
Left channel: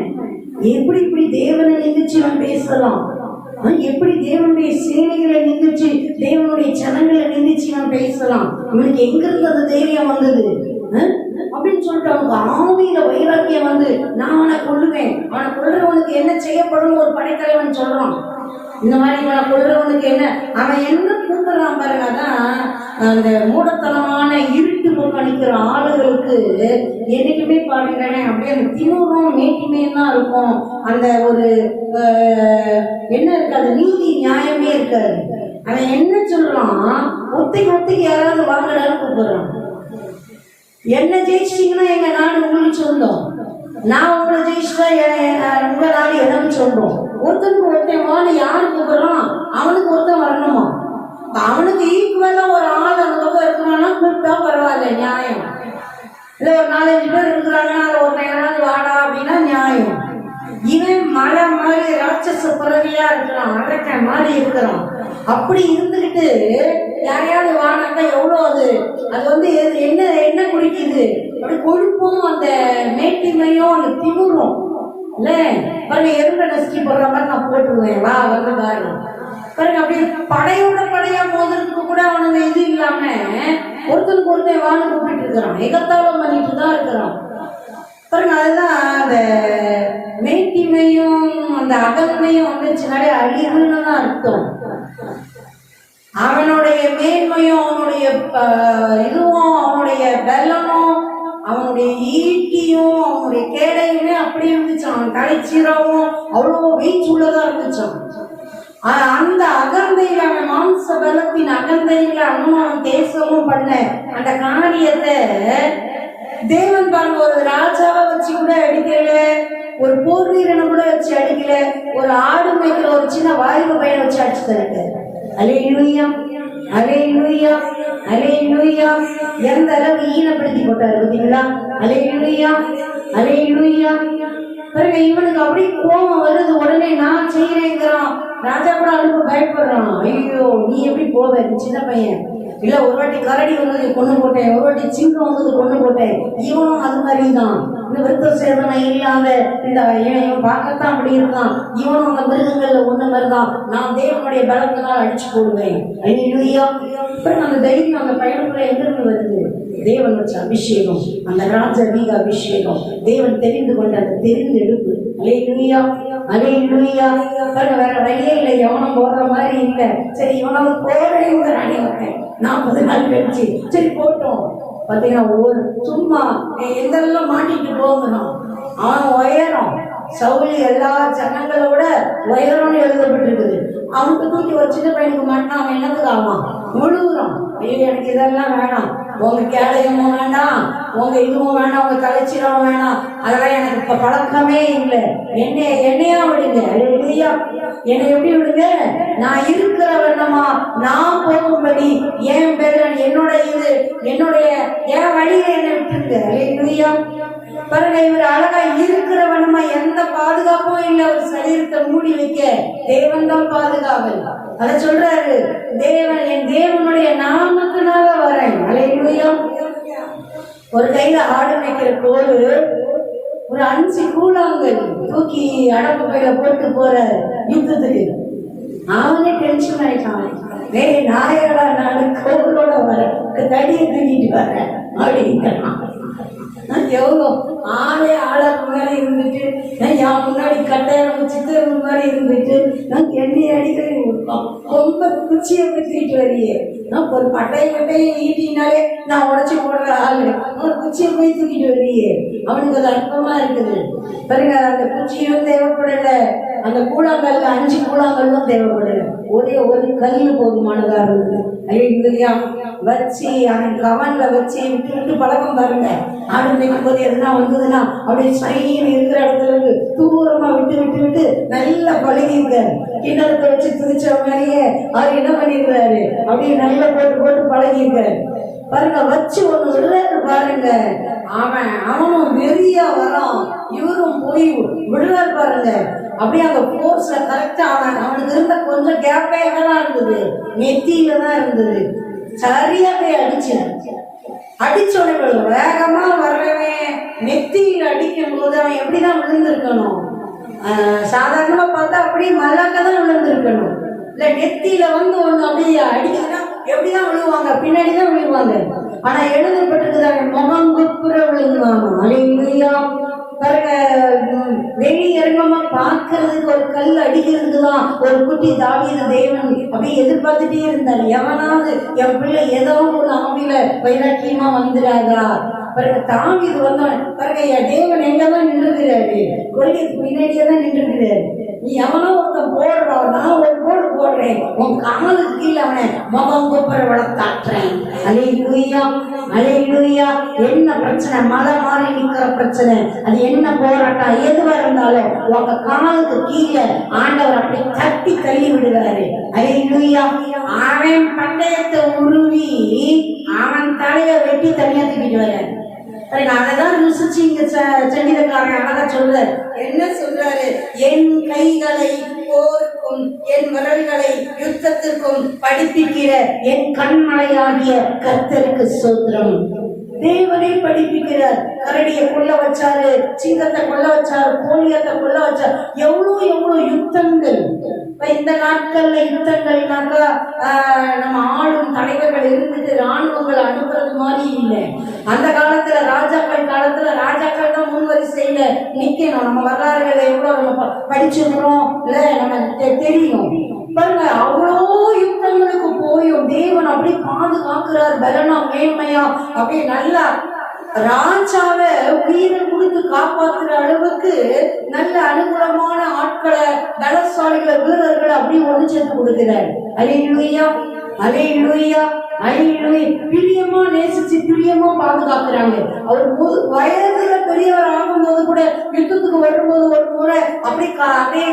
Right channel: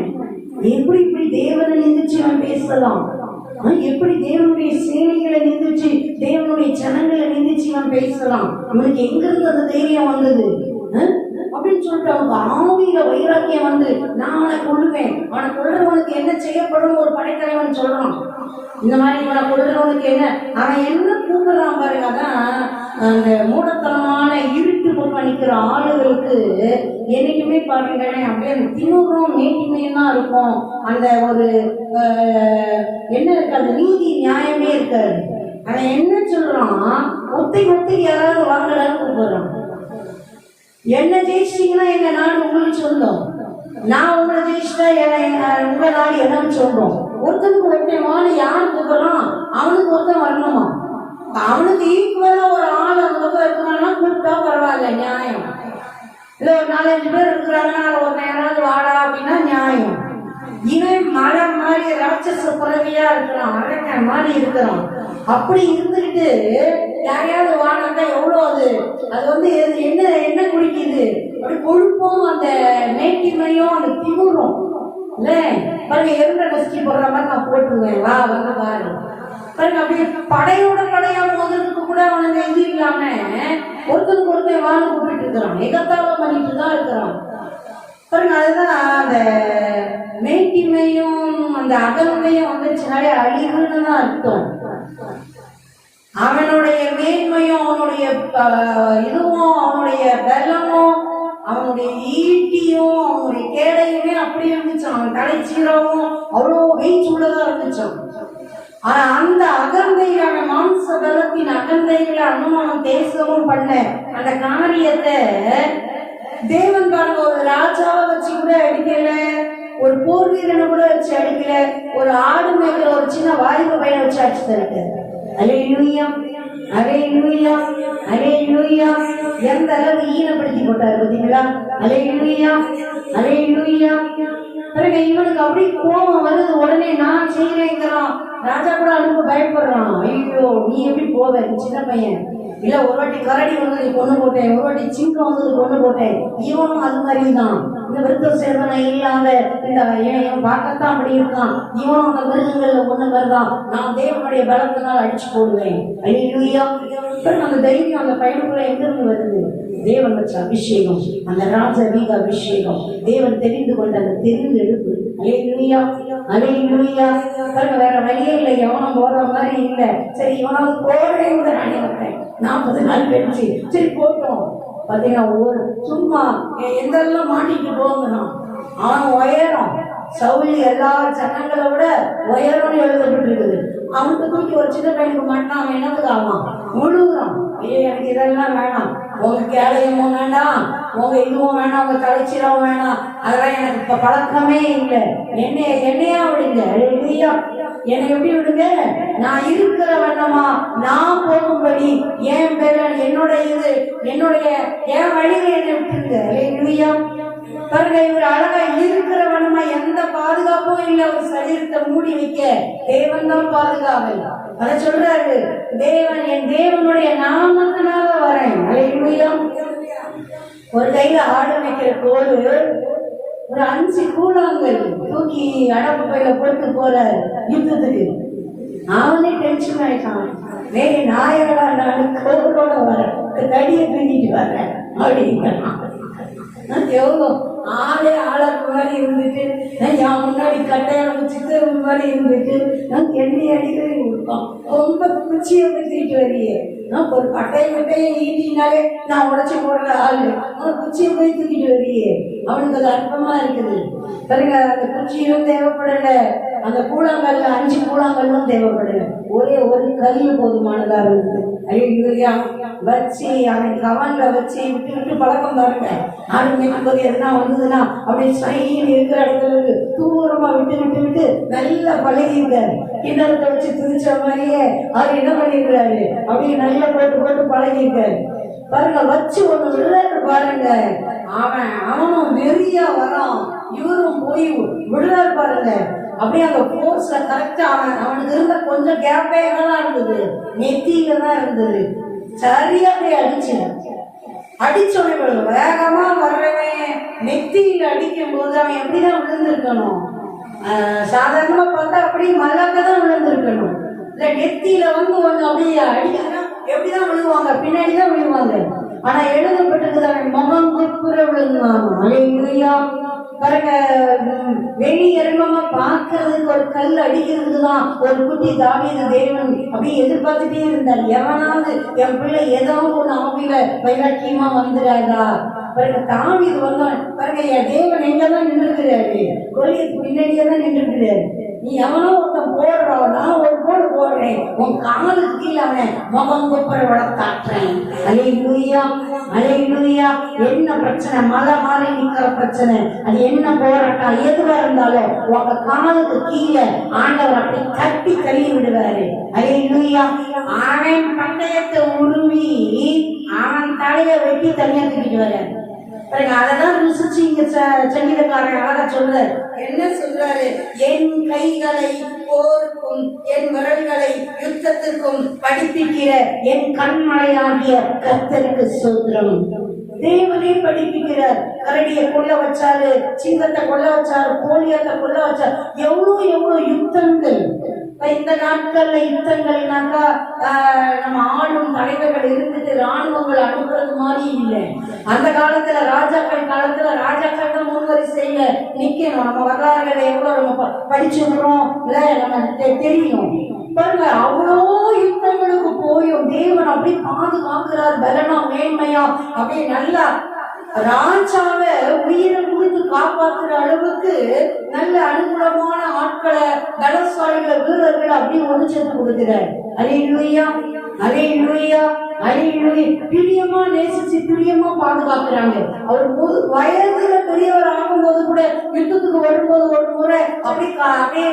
எப்படி இப்படி தேவனை நிந்திச்சு இவன் பேசலாம்? எப்படி தேவனுடைய சேனைகளை நிந்திச்சு, தேவனுடைய ஜனங்களை நிந்திச்சு இவன் பேசலாம்? இவனுக்கு எங்க இருந்து அந்த தைரியம் வந்தது அப்படின்னு சொல்லிட்டு அவங்க ஆவியில வைராக்கியம் வந்து, நான் அவனை கொள்ளுவேன், அவனை கொள்றவனுக்கு என்ன செய்யப்படும் ஒரு படைத்தலைவன் சொல்றான். இந்த மாதிரி இவனை கொள்றவனுக்கு என்ன, அவன் என்ன கூப்பிடுறான் பாருங்க. அதான் அந்த மூடத்தனமான இருட்டு போக்கு அணிக்கிற ஆளுகளுக்கு என்னைக்குமே பாருங்களேன் அப்படியே அந்த திமுகம் மேட்டிமையும் தான் இருக்கும். அந்த ஒரு என்ன இருக்காது, நீதி நியாயமே இருக்காது. அவன் என்ன சொல்றான், ஒத்தைக்கு யாராவது வாங்கடான்னு கூப்பிடுறான். என்ன ஜெயிச்சிட்டீங்கன்னா எங்க நாடு உங்களுக்கு சொந்தம், நான் உங்களை ஜெயிச்சுட்டா உங்க நாடு எனக்கு சொல்றோம். ஒருத்தனுக்கு ஒருத்தன் வாழ யாரு கூப்பிடுறான், அவனுக்கு ஒருத்தன் வரணுமா? அவனுக்கு ஈக்குவலா ஒரு ஆள் அந்த பக்கம் இருக்கிறான் பரவாயில்ல, நியாயம். இல்லை ஒரு 4-5 பேர் இருக்கிறாங்கன்னா ஒரு யாராவது வாடா அப்படின்னா நியாயம். இவன் மழை மாதிரி ராட்சச பிறவியா இருக்கிறான், அடக்க மாதிரி இருக்கிறான். அப்படி இருந்துகிட்டு யாரையாவது வானாக்கா எவ்வளோ அது வந்து என்ன என்ன குடிக்குது, அப்படி கொழுப்பும் அந்த மேட்டிமையும் அந்த திமுறும் இல்ல. பாருங்க, எருண்ட நசுக்கி போடுற மாதிரி நான் போட்டுருவேன், வா வந்து பாருங்க. பாருங்க, அப்படியே படையோட படையா மோதுறதுக்கு கூட அவனுங்க இது இல்லாம ஒருத்தருக்கு ஒருத்தன் வாழ கூப்பிட்டு இருக்கிறான், எகத்தாளம் பண்ணிட்டு தான் இருக்கிறான். பாருங்க, அதுதான் அந்த மேட்டிமையும் அந்த அகல்மையும் வந்துச்சுனாலே அழிவுன்னு தான் அர்த்தம். அவனுடைய மேன்மையும் அவனுடைய இதுவும் அவனுடைய பலமும் அவனுடைய ஈட்டியும் அவனுடைய கேடையுமே அப்படி இருந்துச்சான். அவன் கடைச்சீராவும் அவ்வளோ வெயிட் உள்ளதா இருந்துச்சான். அந்த அகந்தையில அவன் மாம்ச பலத்தின் அகந்தையில அனுமானம் தேசமும் பண்ண அந்த காரியத்தை தேவன் பாருங்க ஒரு ராஜாவை வச்சு கூட அடிக்கல, ஒரு போர் வீரனை கூட வச்சு அடிக்கல, ஒரு ஆடு மேய்க்கிற ஒரு சின்ன வாலிப பையனை வச்சு அடிச்சு தருது. அல்லேலூயா, அல்லேலூயா, அல்லேலூயா. எந்த அளவு ஈனப்படுத்தி போட்டாரு பார்த்தீங்களா? அல்லேலூயா, அல்லேலூயா. பாருங்க, இவனுக்கு அப்படி கோபம் வருது, உடனே நான் செய்யறேங்கிறான். ராஜா கூட அதுக்கு பயப்படுறான். ஐயோ, நீ எப்படி போவ சின்ன பையன், இல்ல ஒரு வாட்டி கரடி வந்தது கொண்டு போட்டேன், ஒரு வாட்டி சிங்கம் வந்தது கொண்டு போட்டேன். இவனும் அது மாதிரி தான், இந்த விருத்த சேதனை இல்லாத இந்த இவன் பார்க்கத்தான் அப்படி இருக்கான். இவனும் அந்த மிருகங்கள்ல ஒண்ணு மாதிரிதான். நான் தேவனுடைய பலத்தினால் அடிச்சு போடுவேன். அல்லேலூயா. அந்த தைரியம் அந்த பையனுக்குள்ள எங்கிருந்து வருது? தேவன் வச்ச அபிஷேகம், அந்த ராஜவீக அபிஷேகம், தேவன் தெரிந்து கொண்ட அந்த தெரிந்து எடுப்பு. அல்லேலூயா, அல்லேலூயா. வேற வழியே இல்லை, எவனும் போடுற மாதிரி இல்லை. சரி, இவனாவது போடுறேங்க அனைவரை 40 நாள் கழிச்சு சரி போட்டோம். பார்த்தீங்கன்னா ஒவ்வொரு சும்மா எந்தெல்லாம் மாட்டிட்டு போகணும். அவன் உயரம் சவுளி எல்லா ஜனங்களை விட உயரம்னு எழுதப்பட்டிருக்குது. அவனுக்கு தூக்கி ஒரு சின்ன பையனுக்கு மாட்டினா அவன் என்னத்துக்கு ஆவான்? முழுகுறான். ஐயோ, எனக்கு இதெல்லாம் வேணாம், உங்க கேளையமும் வேண்டாம், உங்க இதுவும் வேண்டாம், உங்க தலைச்சீரமும் வேணாம், அதெல்லாம் எனக்கு இப்ப பழக்கமே இல்லை. என்னையா விடுங்க, இல்லையா என்னை எப்படி விடுங்க, நான் இருக்கிற வண்ணமா நான் போகும்படி என் பேர் என்னோட இது என்னுடைய என் வழியில என்னை விட்டுருங்க. இல்லையா பாருங்க, இவர் அழகா இருக்கிற வண்ணமா எந்த பாதுகாப்பும் இல்லை. அவர் சரீரத்தை மூடி வைக்க தேவன் தான் பாதுகாவல். அத சொல்றாரு, தேவன் என் தேவனுடைய நாமத்தினால வரேன். அல்லேலூயா. ஒரு கையில ஆடு வைக்கிற கோல், ஒரு 5 கூழாங்கல் தூக்கி அடப்பு பையில போட்டு போறாரு யுத்தத்துக்கு. அவனே டென்ஷன் ஆயிட்டான். நாயடா, நான் கோவிலோட வரேன், தடியை தூக்கிட்டு வரேன் அப்படிங்கிறான். எவ்வளோ ஆளே ஆளர் மாதிரி இருந்துட்டு, என் முன்னாடி கட்டாயம் சித்தர் மாதிரி இருந்துட்டு, நான் எண்ணெய் அடிக்கிறேன் கொடுப்போம். ரொம்ப குச்சியை தூக்கிட்டு வரையே, நான் ஒரு பட்டையை ஈட்டினாலே நான் உடச்சி போடுற ஆளு, அவன் குச்சியை போய் தூக்கிட்டு வரையே. அவனுக்கு அது அற்பமா இருக்குது. பாருங்க, அந்த குச்சியும் தேவைப்படல, அந்த கூழாங்கல்ல 5 கூழாங்கல்லும் தேவைப்படல, ஒரே ஒரு கல்லு போதுமானதா இருக்குது. ஐயா வச்சு அவன் கவன்ல வச்சு விட்டு விட்டு பழக்கம் பாருங்க. ஆடு மேய்க்கும் போது எதுனா வந்ததுன்னா அப்படியே சைன்னு இருக்கிற இடத்துல இருந்து தூரமா விட்டு விட்டு விட்டு நல்லா பழகிருக்காரு. கிணத்தை வச்சு திரிச்ச மாதிரியே அவர் என்ன பண்ணிருக்கிறாரு, அப்படியே நல்லா போட்டு போட்டு பழகிருக்காரு. பாருங்க, வச்சு ஒண்ணு விடுறாரு பாருங்க. அவனும் வெறியா வரான், இவரும் போய் விடுறாரு பாருங்க. அப்படியே அந்த போர்ஸ்ல கரெக்டா அவனுக்கு இருந்த கொஞ்சம் கேப்பே தான் இருந்தது, நெத்தியில தான் இருந்தது. சரியா போய் அடிச்சோட வேகமா வர்றவன் நெத்தியில அடிக்கும் போது அவன் எப்படிதான் விழுந்திருக்கணும்? சாதாரணமா பார்த்தா அப்படியே மல்லாக்க தான் விழுந்திருக்கணும். இல்ல நெத்தியில வந்து ஒண்ணு அப்படியே அடிக்கா எப்படிதான் விழுவாங்க? பின்னாடிதான் விழுவாங்க. ஆனா எழுதப்பட்டிருக்குது அவன் முகம் குப்புற விழுந்தானோ. அல்லேலூயா. பாருங்க, வெளியரங்கமா பாக்குறதுக்கு ஒரு கல் அடிக்கிறதுக்கு தான் ஒரு குட்டி தாவீது தேவன் அப்படியே எதிர்பார்த்துட்டே இருந்தார். எவனாவது என் பிள்ளை ஏதோ ஒரு ஆவியில வைராக்கியமா வந்துடாதா? பாருங்க, தாவீது வந்தான். பாருங்க, என் தேவன் எங்கதான் நின்றுக்கிறாரு, கொள்கைக்கு பின்னாடியே தான் நின்றுக்கிறாரு. நீ எவனோ ஒருத்தன் போடுறா, நான் ஒரு போடு போடுறேன், உன் காலுக்கு கீழே அவனை முகம் கொப்புற வளர்த்தாட்டுறேன். அல்லேலூயா. அல்லேலூயா. என்ன பிரச்சனை, மலை மாறி நிக்கிற பிரச்சனை, அது என்ன போராட்டம் எதுவா இருந்தாலும் உங்க காலுக்கு கீழே ஆண்டவர் அப்படி தட்டி தள்ளி விடுவாரு. அல்லேலூயா. அவன் பந்தயத்தை உருவி அவன் தலையை வெட்டி தனியா தூக்கிட்டு வர்றாரு. அததான் ருசிச்சு இங்க சங்கீதக்காரன் அழகா சொல்றாரு. என்ன சொல்றாரு? என் கைகளை போருக்கும் என் விரல்களை யுத்தத்திற்கும் படிப்பிக்கிற என் கண்மலையாகிய கர்த்தருக்கு ஸ்தோத்திரம். தேவனே படிப்பிக்கிறார். கரடியை கொல்ல வச்சாரு, சிங்கத்தை கொல்ல வச்சாரு, கோழியத்தை கொல்ல வச்சாரு. எவ்வளவு யுத்தங்கள். இந்த நாட்கள்ல யுத்தங்கள்னாக்கா நம்ம ஆளும் தலைவர்கள் இருந்துட்டு ராணுவங்கள் அனுப்புறது மாதிரி இல்லை. அந்த காலத்துல ராஜாக்கள் காலத்துல ராஜாக்கள் தான் முன்வரிசையில நிக்கணும். நம்ம வரலாறுகளை எவ்வளவு நம்ம படிச்சிருக்கிறோம் இல்ல, நம்ம தெரியும் பாருங்க. அவ்வளோ யுத்தங்களுக்கு போயும் தேவன் அப்படி பாதுகாக்கிறார். பலனா மேன்மையா அப்படியே நல்லா ராஜாவை உயிரை கொடுத்து காப்பாற்றுற அளவுக்கு நல்ல அனுகூலமான ஆட்களை, பலசாலிகளை, வீரர்களை அப்படி ஒன்று சேர்த்து கொடுக்கிறார். அல்லேலூயா, அல்லேலூயா, அல்லேலூயா. பிரியமா நேசிச்சு பிரியமா பாதுகாக்கிறாங்க. அவர் வயதுல பெரியவர் ஆகும்போது கூட யுத்தத்துக்கு வரும்போது ஒரு முறை அப்படியே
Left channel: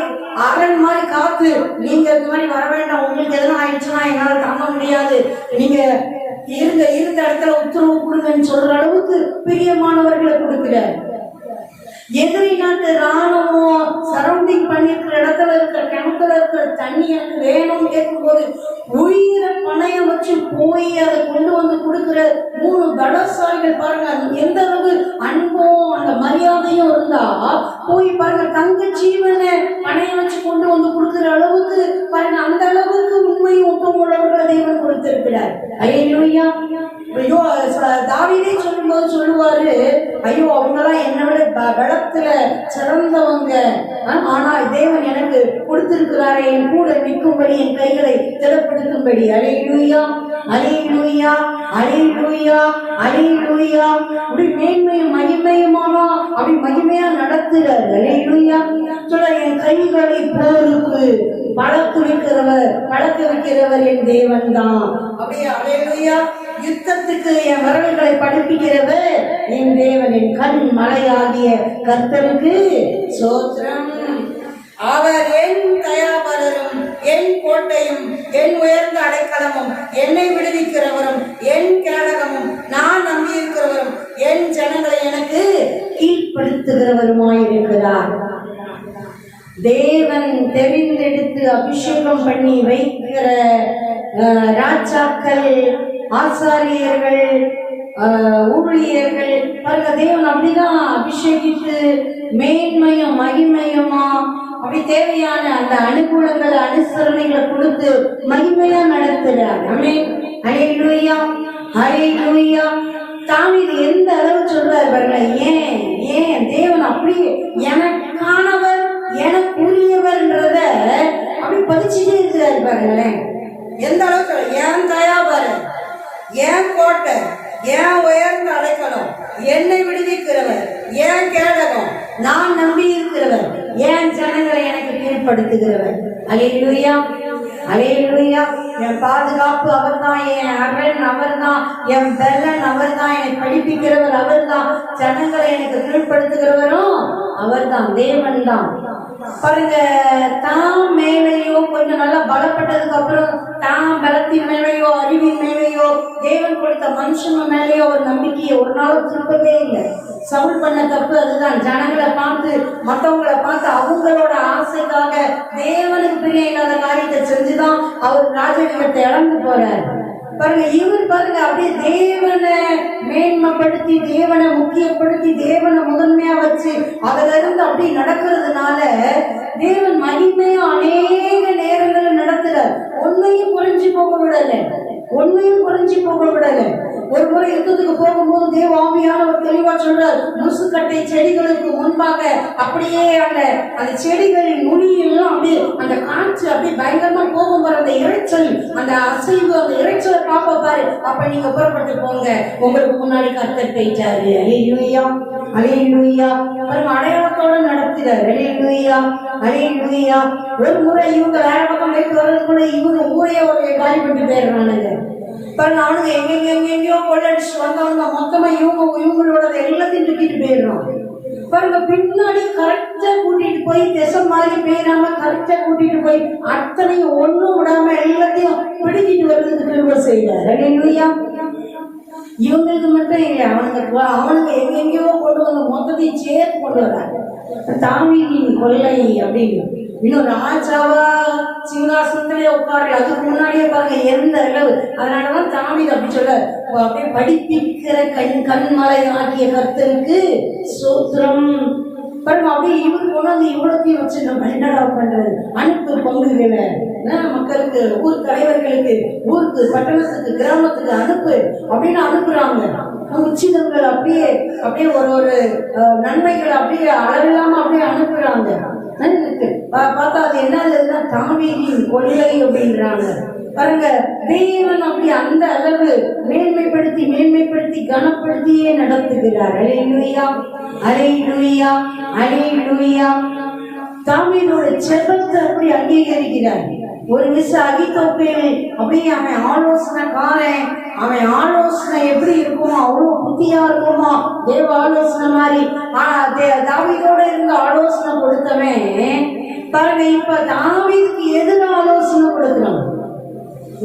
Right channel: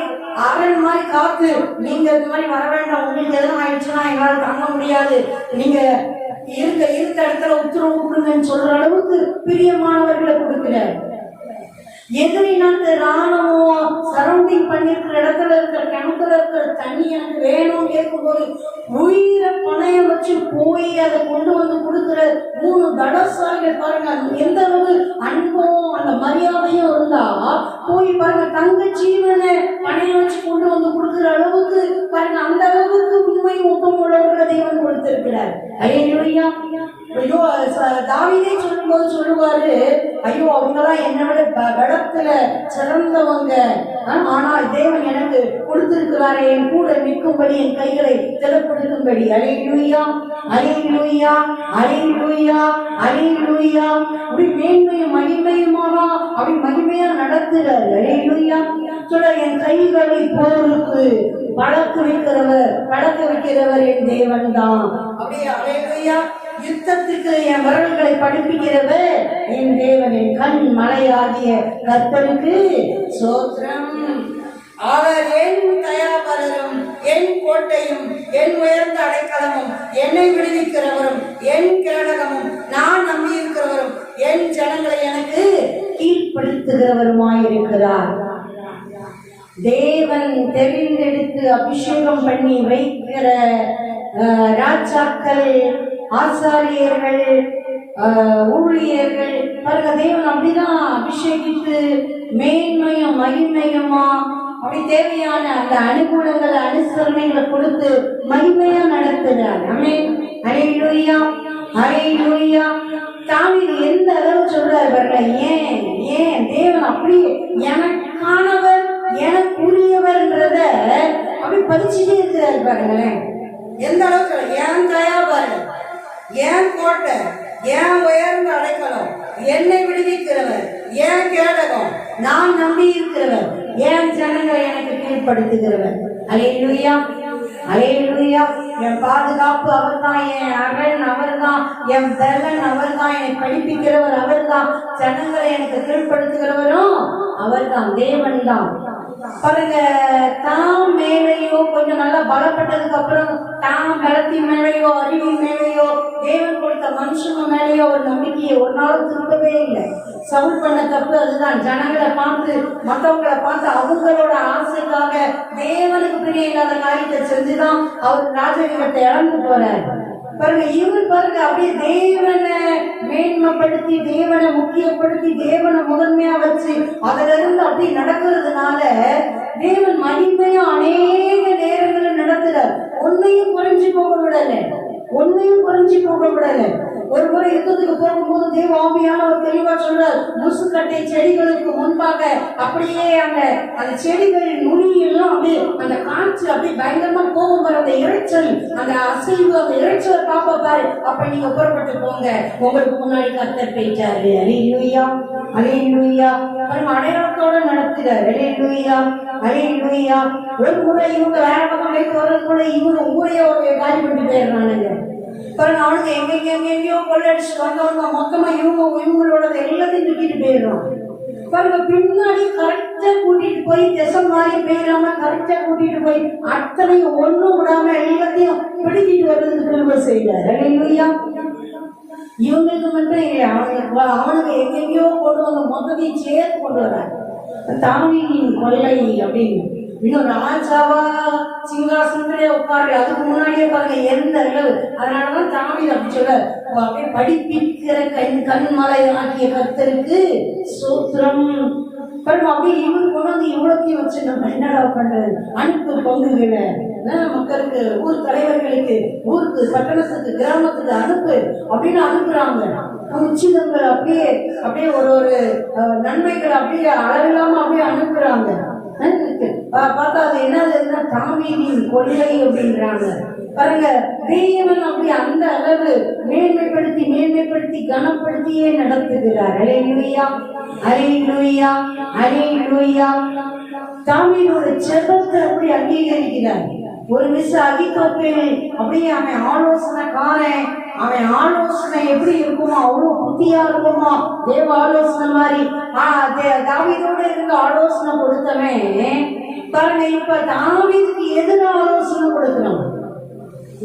அரண் மாதிரி காத்து, நீங்க இந்த மாதிரி வர வேண்டாம், உங்களுக்கு எதனா ஆயிடுச்சுன்னா என்னால தாங்க முடியாது, நீங்க இருந்த இடத்துல உத்தரவு கொடுங்கன்னு சொல்ற அளவுக்கு பிரியமானவர்களை கொடுக்கிறார். எதிரி நாட்டு ராணுவம் சரௌண்டிங் பண்ணிருக்கிற இடத்துல இருக்கிற கிணத்துல இருக்கிற தண்ணி எனக்கு வேணும் கேட்கும்போது உயிரை பணையம் வச்சு போய் அதை கொண்டு வந்து கொடுக்கிற 3 பலசாலிகள் பாருங்க. எந்த அளவு அன்பும் அந்த மரியாதையும் இருந்தா போய் பாருங்க, தங்க ஜீவனை பணையம் வச்சு கொண்டு வந்து கொடுக்கிற அளவுக்கு பாருங்க. அந்த அளவுக்கு உண்மையும் ஒப்பம் உள்ளவர்களை தெய்வம் கொடுத்திருக்கிறார். அல்லேலூயா. ஐயோ, தாவீதே சொல்லும் போது சொல்லுவாரு, ஐயோ அவங்கெல்லாம் என்னை விட பலத்துல சிறந்தவங்க, ஆனா தேவன் எனக்கு கொடுத்திருக்கிறாரே என் கூட நிற்கும்படி, என் கைகளை திடப்படுத்தும்படி. அல்லேலூயா, அல்லேலூயா, அல்லேலூயா, அல்லேலூயா. அப்படி மேன்மையும் மகிமையுமானா அப்படி மகிமையா நடத்துறாரு. அல்லேலூயா. சொல்ல என் கைகளை போருக்கு பழக்க வைக்கிறவர் என் தேவன் தான். அப்படியே அல்லேலூயா. யுத்தத்துக்கு என் விரல்களை படிப்பிக்கிறவர் என் தேவன், என் கண் மலையாகிய கர்த்தருக்கு ஸ்தோத்திரம். அவர் என் தயாபரரும் என் கோட்டையும் என் உயர்ந்த அடைக்கலமும் என்னை விடுவிக்கிறவரும் என் கேடகமும் நான் நம்பியிருக்கிறவரும் என் ஜனங்களை எனக்கு கீழ்ப்படுத்துகிறவருமாயிருக்கிறார். தேவன் தெரிந்தெடுத்து அபிஷேகம் பண்ணி வைக்கிற ராஜாக்கள், ஆசாரியர்கள், ஊழியர்கள் பாருங்க, தேவன் அப்படிதான் அபிஷேகித்து மேன்மையும் மகிமையுமா அப்படி தேவையான அந்த அனுகூலங்களை அனுசரணைகளை கொடுத்து மகிமையா நடத்துகிறார். ஆமென். அல்லேலூயா, அல்லேலூயா. தாவீது எந்த அளவு சொல்றாரு பாருங்க. ஏன் தேவன் அப்படியே எனக்கானவர் எனக்குரியவர்ன்றத அப்படி பதிச்சுட்டே இருக்கிறாரு பாருங்களேன். எந்த அளவுக்கு என் தயாபரர், என் கோட்டை, என் உயர்ந்த அடைக்கலம், என்னை விடுவிக்கிறவர், என் கேடகம், நான் நம்பி இருக்கிறவர், என் ஜனங்களை எனக்கு கீழ்ப்படுத்துகிறவர். அல்லேலூயா, அல்லேலூயா. என் பாதுகாப்பு அவர் தான், என் அரண் அவர் தான், என் பலன் அவர் தான், என்னை படிப்பிக்கிறவர் அவர் தான், ஜனங்களை எனக்கு கீழ்ப்படுத்துகிறவரும் அவர் தான், தேவன் தான். பாருங்க, தாம் மேலேயோ கொஞ்சம் நல்லா பலப்பட்டதுக்கு அப்புறம் தாம் பலத்தின் மேலேயோ அறிவின் மேலேயோ தேவன் கொடுத்த மனுஷங்க மேலேயோ ஒரு நம்பிக்கையை ஒரு நாளும் திருப்பவே இல்லை. சவுல் பண்ண தப்பு அதுதான். ஜனங்களை பார்த்து மற்றவங்களை பார்த்து அவங்களோட ஆசைக்காக தேவனுக்கு பிரிய இல்லாத காரியத்தை செஞ்சுதான் அவர் ராஜரீகத்தை இழந்து போறாரு. பாருங்க, இவர் பாருங்க அப்படியே தேவனை மேன்மைப்படுத்தி, தேவனை முக்கியப்படுத்தி, தேவனை முதன்மையா வச்சு அதுல இருந்து அப்படி நடக்கிறதுனால தேவன் மகிமையா அநேக நேரங்களில் நடத்துறார். ஒன்னையும் குறைஞ்சி போக விடல, ஒன்னையும் குறைஞ்சி போக விடல. ஒரு முறை யுத்தத்துக்கு போகும்போது தேவ ஆவியானவர் தெளிவா சொல்றார், முசுக்கட்டை செடிகளுக்கு முன்பாக அப்படியே அந்த செடிகளின் நுனியெல்லாம் அப்படியே அந்த காற்று அப்படியே பயங்கரமா போகும் வர அந்த இறைச்சல், அந்த அசைவு, அந்த இறைச்சலை பார்ப்ப பாரு, அப்ப நீங்க புறப்பட்டு போங்க, உங்களுக்கு முன்னாடி கர்த்தர் போயிட்டாரு. அல்லேலூயா, அல்லேலூயா. அடையாளத்தோட நடத்துறாரு. அல்லேலூயா, அல்லேலூயா. ஒரு முறை இவங்க வேற பக்கம் போயிட்டு வர்றதுக்குள்ள இவங்க ஊரையே ஒரு காலி பண்ணி போயிடுறானுங்க. பாருங்க, அவனுக்கு எங்கெங்கயோ கொள்ளடிச்சு வந்தவங்க மொத்தமா இவங்களோட எல்லாத்தையும் தூக்கிட்டு போயிடுறான். பாருங்க, பின்னாடி கரெக்டா கூட்டிட்டு போய் திசை மாதிரி போயிடாம கரெக்டா கூட்டிட்டு போய் அத்தனையும் ஒண்ணும் விடாம எல்லாத்தையும் பிடிக்கிட்டு வர்றதுக்கு கிருபை செய்யறாரு. அல்லேலூயா. இவங்களுக்கு மட்டும் இல்லை, அவனுக்கு எங்கெங்கயோ கொண்டு வந்து மொத்தத்தையும் சேர்த்து கொண்டு வர்றாரு. தாவீதின் கொள்ளை அப்படின்னு இன்னும் ராஜாவா சிங்காசனத்திலே உட்காரல, அதுக்கு முன்னாடியே பாருங்க எந்த அளவு. அதனாலதான் தாவீது அப்படி சொல்ல, அப்படியே படிப்பிக்கிற கண்மலை ஆக்கிய கர்த்தருக்கு ஸ்தோத்திரம். பாருங்க, அப்படியே இவரு கொண்டு வந்து இவ்வளோத்தையும் வச்சு நம்ம என்னடா பண்றது, அனுப்பு பங்குகளை மக்களுக்கு, ஊர் தலைவர்களுக்கு, ஊருக்கு, பட்டணத்துக்கு, கிராமத்துக்கு அனுப்பு அப்படின்னு அனுப்புறாங்க. உச்சிதங்கள் அப்படியே அப்படியே ஒரு நன்மைகள் அப்படியே அளவில்லாம அப்படியே அனுப்புறாங்க. பார்த்தா அது என்னதுன்னா தாவீதின் கொள்ளை அப்படின்றாங்க. பாருங்க, தேவன் அப்படி அந்த அளவு மேன்மைப்படுத்தி கனப்படுத்தியே நடத்துகிறார். அல்லேலூயா, அல்லேலூயா, அல்லேலூயா. தாவீதோட ஜெபத்தை அப்படி அங்கீகரிக்கிறார். ஒரு அகித்தோப்பேல் அப்படியே அவன் ஆலோசனைக்காரன், அவன் ஆலோசனை எப்படி இருக்குமோ அவ்வளவு புத்தியா இருக்குமோ, தேவ ஆலோசனை மாதிரி தாவீதோட இருந்து ஆலோசனை கொடுத்தவன் பாருங்க, இப்ப தாவீதுக்கு எதிராக ஆலோசனை கொடுக்கிறான்.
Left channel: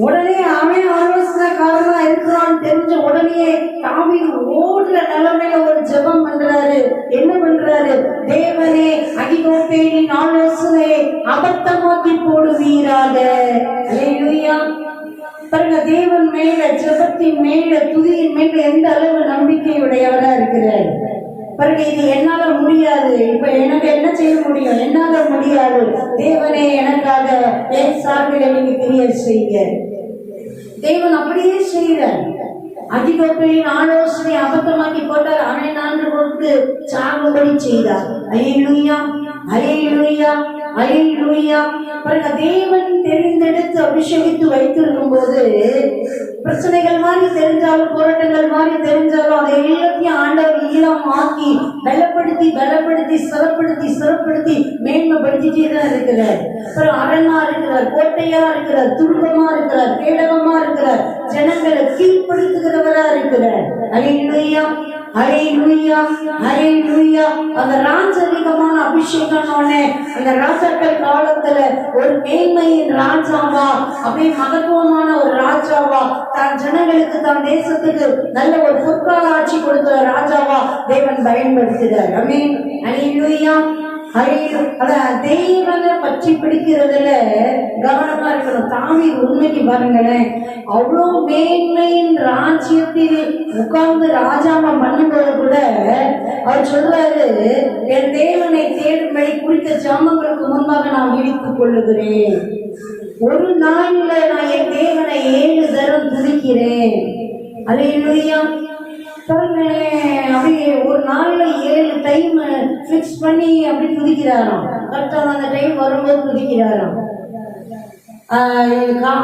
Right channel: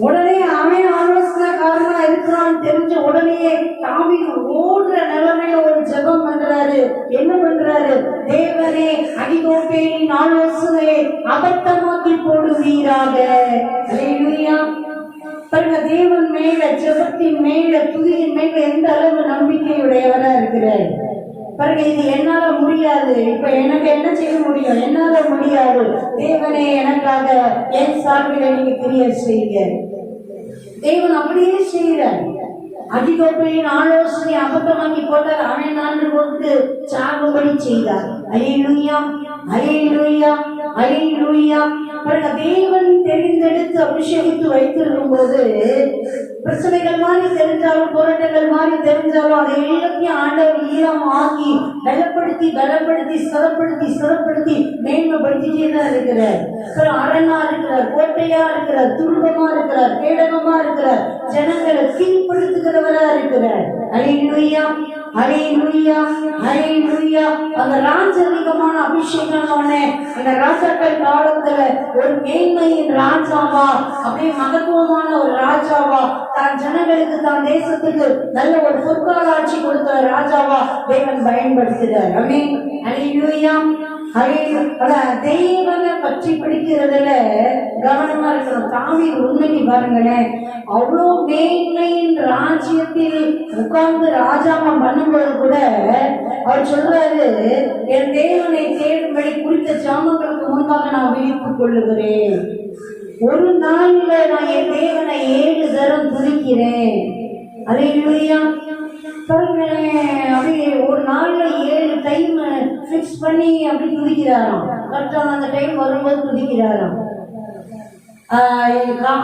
உடனே அவன் ஆலோசனைக்காரனா இருக்கிறான்னு தெரிஞ்ச உடனே தாவீது ஓடுற நிலைமையில ஒரு ஜெபம் பண்றாரு. என்ன பண்றாரு? தேவனே, அகித்தோப்பேலின் ஆலோசனை அபத்தமாக்கி போடுவீராக. அல்லேலூயா. பாருங்க, தேவன் மேல, ஜெபத்தின் மேல, துதியின் மேல எந்த அளவு நம்பிக்கையுடையவரா இருக்கிறார். பாருங்க, இது என்னால முடியாது, இப்ப எனக்கு என்ன செய்ய முடியும், என்னால முடியாது, தேவனே எனக்காக என் சார்பில் நீங்க கிரியேட் செய்யுங்க. தேவன் அப்படியே செய்கிறார். அகித்தோப்பேலின் ஆலோசனை அபத்தமாக்கி போட்டார். அவன் 4 கொடுத்து சாகுபடி செய்தார். அல்லேலூயா, அல்லேலூயா, அல்லேலூயா. தேவன் தெரிந்தெடுத்து அபிஷேகித்து வைத்திருக்கும் போது பிரச்சனைகள் மாதிரி தெரிஞ்சாலும், போராட்டங்கள் மாதிரி தெரிஞ்சாலும், அதை எல்லாத்தையும் ஆண்டவர் ஈழமாக்கி பலப்படுத்தி சிறப்படுத்தி மேன்மைப்படுத்திட்டே தான் இருக்கிறார். அரணா இருக்கிறார், கோட்டையா இருக்கிறார், துன்பமா இருக்கிறார், கேடகமா இருக்கிறார், ஜனங்களை கீழ்படுத்துகிறவரா இருக்கிறார். அல்லேலூயா, அல்லேலூயா, அல்லேலூயா. அந்த ராஜரிகமான அபிஷேகம் அந்த ராஜாக்கள் காலத்துல ஒரு மேன்மையின் ராஜாவா, அப்படியே மகத்துவமான ஒரு ராஜாவா, தான் ஜனங்களுக்கு, தான் தேசத்துக்கு நல்ல ஒரு பொற்கால ஆட்சி கொடுத்த ராஜாவா தேவன் பயன்படுத்துகிறார். ஆமென், அல்லேலூயா, அல்லேலூயா. தேவனை பற்றி பிடிக்கிறதுல கவனமா இருக்கணும். தாவீது உண்மைக்கு பாருங்களேன், அவ்வளோ மேன்மையின் ராஜ்யத்தில் உட்கார்ந்து ராஜாமம் பண்ணும்போது கூட அவர் சொல்றாரு, என் தேவனை தேடும்படி குறித்த ஜாமங்களுக்கு முன்பாக நான் விழித்துக் கொள்ளுகிறேன். ஒரு நாள்ல நான் என் தேவனை 7 தரம் துதிக்கிறேன். அல்லேலூயா. அப்படியே ஒரு நாள்ல 7 டைம் பிக்ஸ் பண்ணி அப்படி துதிக்கிறாராம். கரெக்டான அந்த டைம் வரும்போது துதிக்கிறாராம்.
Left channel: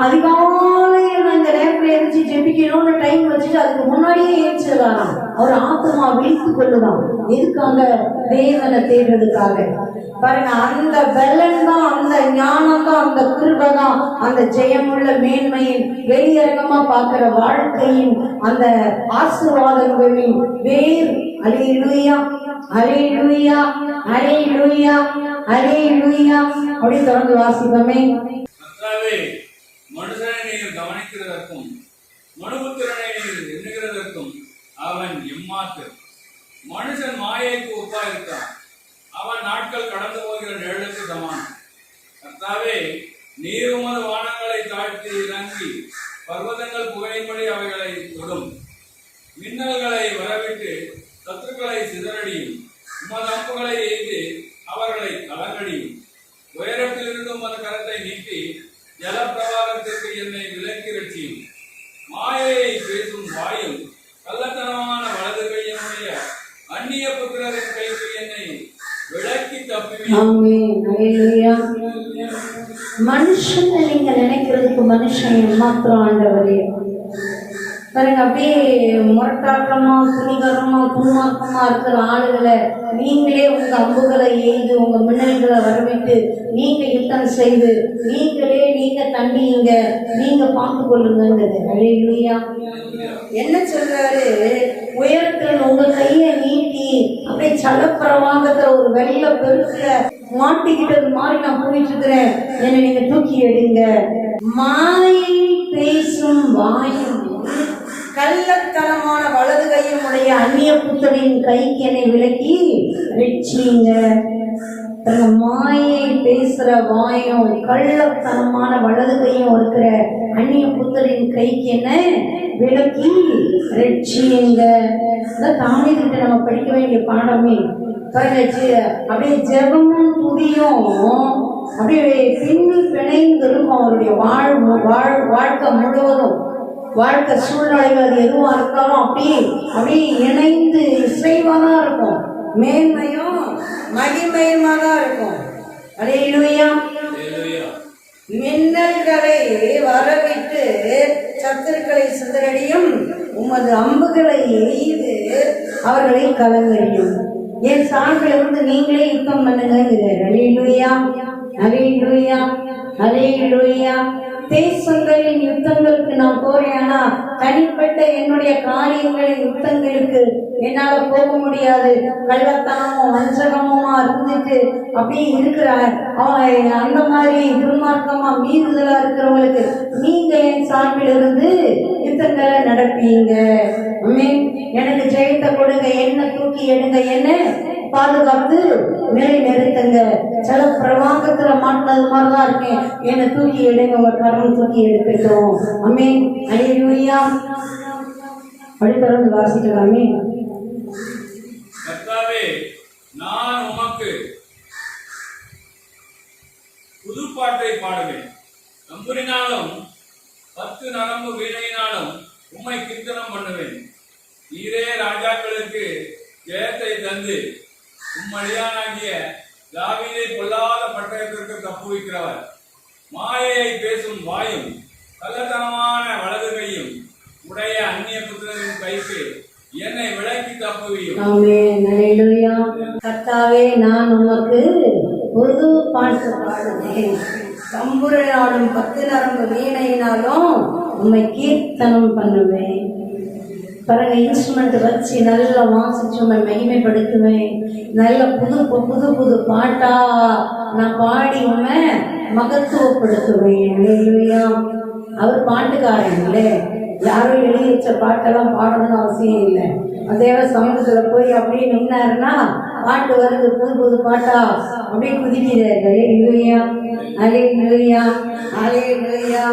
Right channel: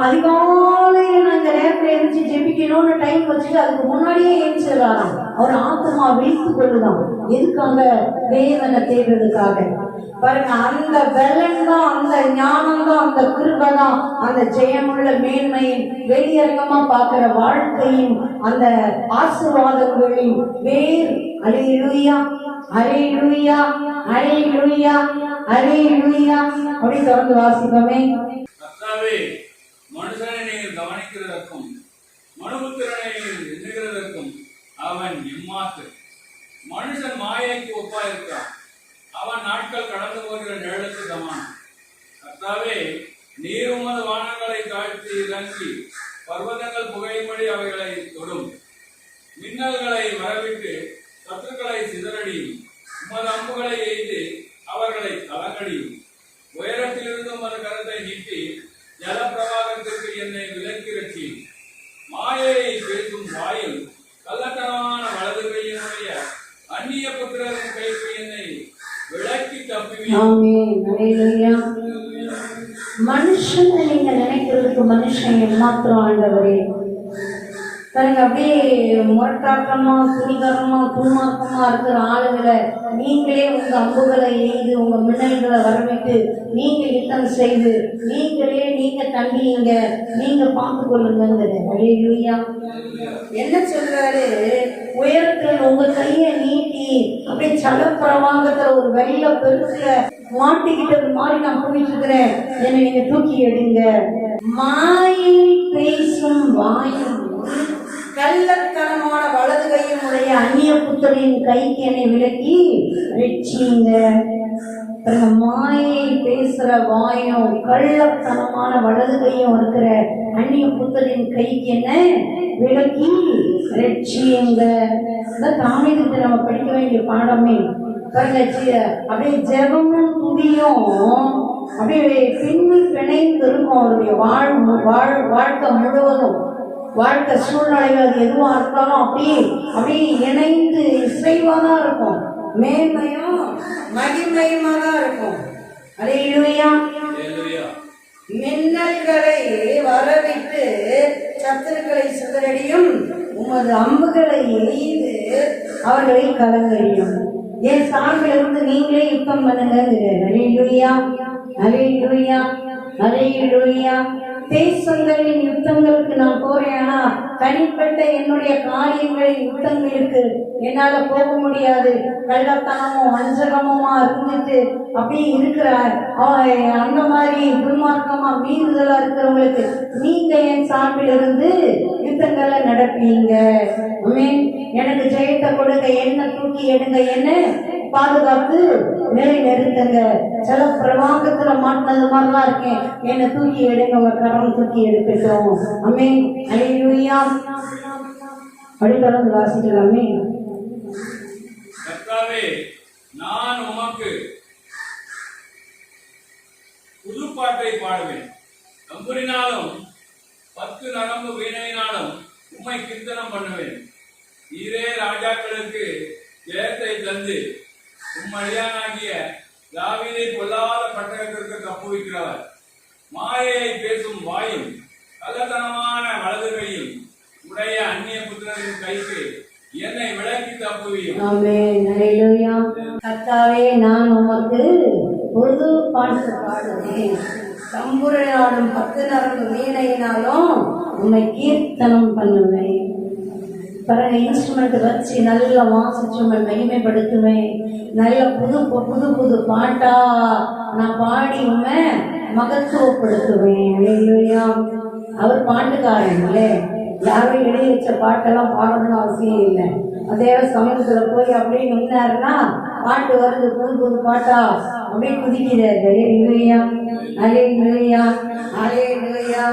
அதிகாலையில் நான் இந்த நேரத்தில் எழுச்சி ஜெபிக்கணும்னு டைம் வச்சுட்டு அதுக்கு முன்னாடியே ஏற்றிடலாம். அவர் ஆத்மா விழித்துக் கொள்ளுதான். எதுக்காக? தேவனை தேடுறதுக்காக. பாருங்க, அந்த பலன் தான், அந்த ஞானம் தான், அந்த கிருபை தான், அந்த ஜெயமுள்ள மேன்மையின் வெளியரங்கமா பார்க்கிற வாழ்க்கையின் அந்த ஆசீர்வாதங்களின் வேர். அல்லேலூயா, அல்லேலூயா, அல்லேலூயா, அல்லேலூயா. அப்படி தொடர்ந்து வாசிப்போமே. மனுஷனை நீங்கள் கவனிக்கிறதற்கும் மனுபுத்திரனை நீங்கள் எண்ணுகிறதற்கும் அவன் எம்மாத்து. மனுஷன் மாயைக்கு ஒப்பாயிருக்கிறான், அவன் நாட்கள் கடந்து போகிற நிழலுக்கு சமானம். கர்த்தாவே, நீர் உமது வானங்களை தாழ்த்தி இறங்கி பர்வதங்கள் புகையும்படி அவைகளை தொடும். மின்னல்களை வரவிட்டு சத்துருக்களை சிதறடியும். உமது அம்புகளை எய்து அவர்களை கலங்கடியும். உயரத்திலிருந்து உமது கரத்தை நீட்டி ஜலப்பிரவாகத்திற்கு என்னை விலக்கி ரட்சியும். மாயையை பேசும் வாயும் கள்ளத்தனமான வலது கையினுடைய அந்நிய புத்திரரின் கைக்கு என்னை விலக்கி தப்புவீர். மனுஷனை நீங்க நினைக்கிறதுக்கு மனுஷன் மாத்திரம் ஆண்டவரே. பாருங்க, அப்படியே முரட்டாட்டமா, துணிகரமா, துன்மார்க்கமா இருக்கிற ஆளுகளை நீங்களே உங்க அம்புகளை எய்து, உங்க மின்னல்களை வரவிட்டு, நீங்க யுத்தம் செய்து, நீங்களே நீங்க தம்பிங்க, நீங்க பார்த்து கொள்ளுங்கிறது. அல்லேலூயா. என்ன சொல்றாரு? உயரத்தில் உங்க கையை நீட்டி அப்படியே சலப்பிரவாகத்துல ஒரு வெள்ள பெருசுல மாட்டிக்கிட்டது மாதிரி நான் போயிட்டு இருக்கிறேன், என்னை நீங்க தூக்கி எடுங்க. மாயை பேசும் வாயும் கள்ளத்தனமான வலது கையும் உடைய அந்நிய புத்தரின் கைக்கு என்னை விலக்கி ரட்சியுங்க. மாயை பேசுற வாயும் கள்ளத்தனமான வலது கையும் இருக்கிற அந்நிய புத்தரின் கைக்கு என்ன விலக்கி ரட்சியுங்க. தாவீதுகிட்ட நம்ம படிக்க வேண்டிய பாடமே அப்படியே ஜெபமும் துதியும் அப்படியே பின்னி பிணைந்து இருக்கும். அவருடைய வாழ்க்கை முழுவதும், வாழ்க்கை சூழ்நிலைகள் எதுவா இருக்காலும் அப்படியே இணைந்து இசைவா தான் இருக்கும். மேன்மையும் மகிமையுமா தான் இருக்கும். அல்லேலூயா. மின்னல்களை வரவிட்டு சத்துருக்களை சிதறடியும், உமது அம்புகளை எய்து அவர்களை கலங்கடியும். என் சார்பிலிருந்து நீங்களே யுத்தம் பண்ணுங்க. அல்லேலூயா, அல்லேலூயா, அல்லேலூயா. தேசங்களின் யுத்தங்களுக்கு நான் போறேன்னா தனிப்பட்ட என்னுடைய காரியங்களின் யுத்தங்களுக்கு என்னால போக முடியாது. கள்ளத்தனமும் வஞ்சகமுமா இருந்துட்டு அப்படி இருக்கிறார் அந்த மாதிரி துன்மார்க்கமா மீறுதலா இருக்கிறவங்களுக்கு நீங்க என் சார்பில் இருந்து யுத்தங்களை நடப்பீங்க. எனக்கு ஜெயத்தை கொடுங்க, என்ன தூக்கி எடுங்க, என்ன பாதுகாத்து நிலை நிறுத்துங்க. சில பிரவாகத்துல மாட்டினது மாதிரிதான் இருக்கேன், என்னை தூக்கி எடுங்க, உங்க கரம் தூக்கி எடுக்கட்டும். ஆமென். அல்லேலூயா. அடுத்தது வாசிக்கலாமே. கர்த்தாவே, நான் உமக்கு புதுப்பாட்டை பாடுவேன், தம்புரினாலும் 10 நரம்பு வீணையினாலும் உம்மை கீர்த்தனம் பண்ணுவேன். நீரே ராஜாக்களுக்கு ஜெயத்தை தந்து உம்மடியானாகிய தாவீதை பொல்லாத பட்டயத்திற்கு தப்புவிக்கிறவர். மாயையை பேசும் வாயும் கள்ளத்தனமான வலது கையும் உடைய அந்நிய புத்திரரின் கைக்கு என்னை விலக்கி தப்புவியும். கர்த்தாவே, நான் உமக்கு புது பாட்டு பாடுவேன், தம்புரினாலும் 10 நரம்பு வீணையினாலும் உம்மை கீர்த்தனம் பண்ணுவேன். பிறகு இன்ஸ்ட்ருமெண்ட் வச்சு நல்லா வாசிச்சு உண்மை மகிமைப்படுத்துவேன். நல்ல புது புது புது பாட்டா நான் பாடி உண்மை மகத்துவப்படுத்துவேன். அவர் பாட்டுக்காரன் இல்லை, யாரும் எழுதி வச்ச பாட்டெல்லாம் பாடணும்னு அவசியம் இல்லை. அதே சமூகத்துல போய் அப்படியே நின்னாருன்னா பாட்டு வருது, புது புது பாட்டா அப்படியே குதிக்கிறாரு. அல்லேலூயா, அல்லேலூயா.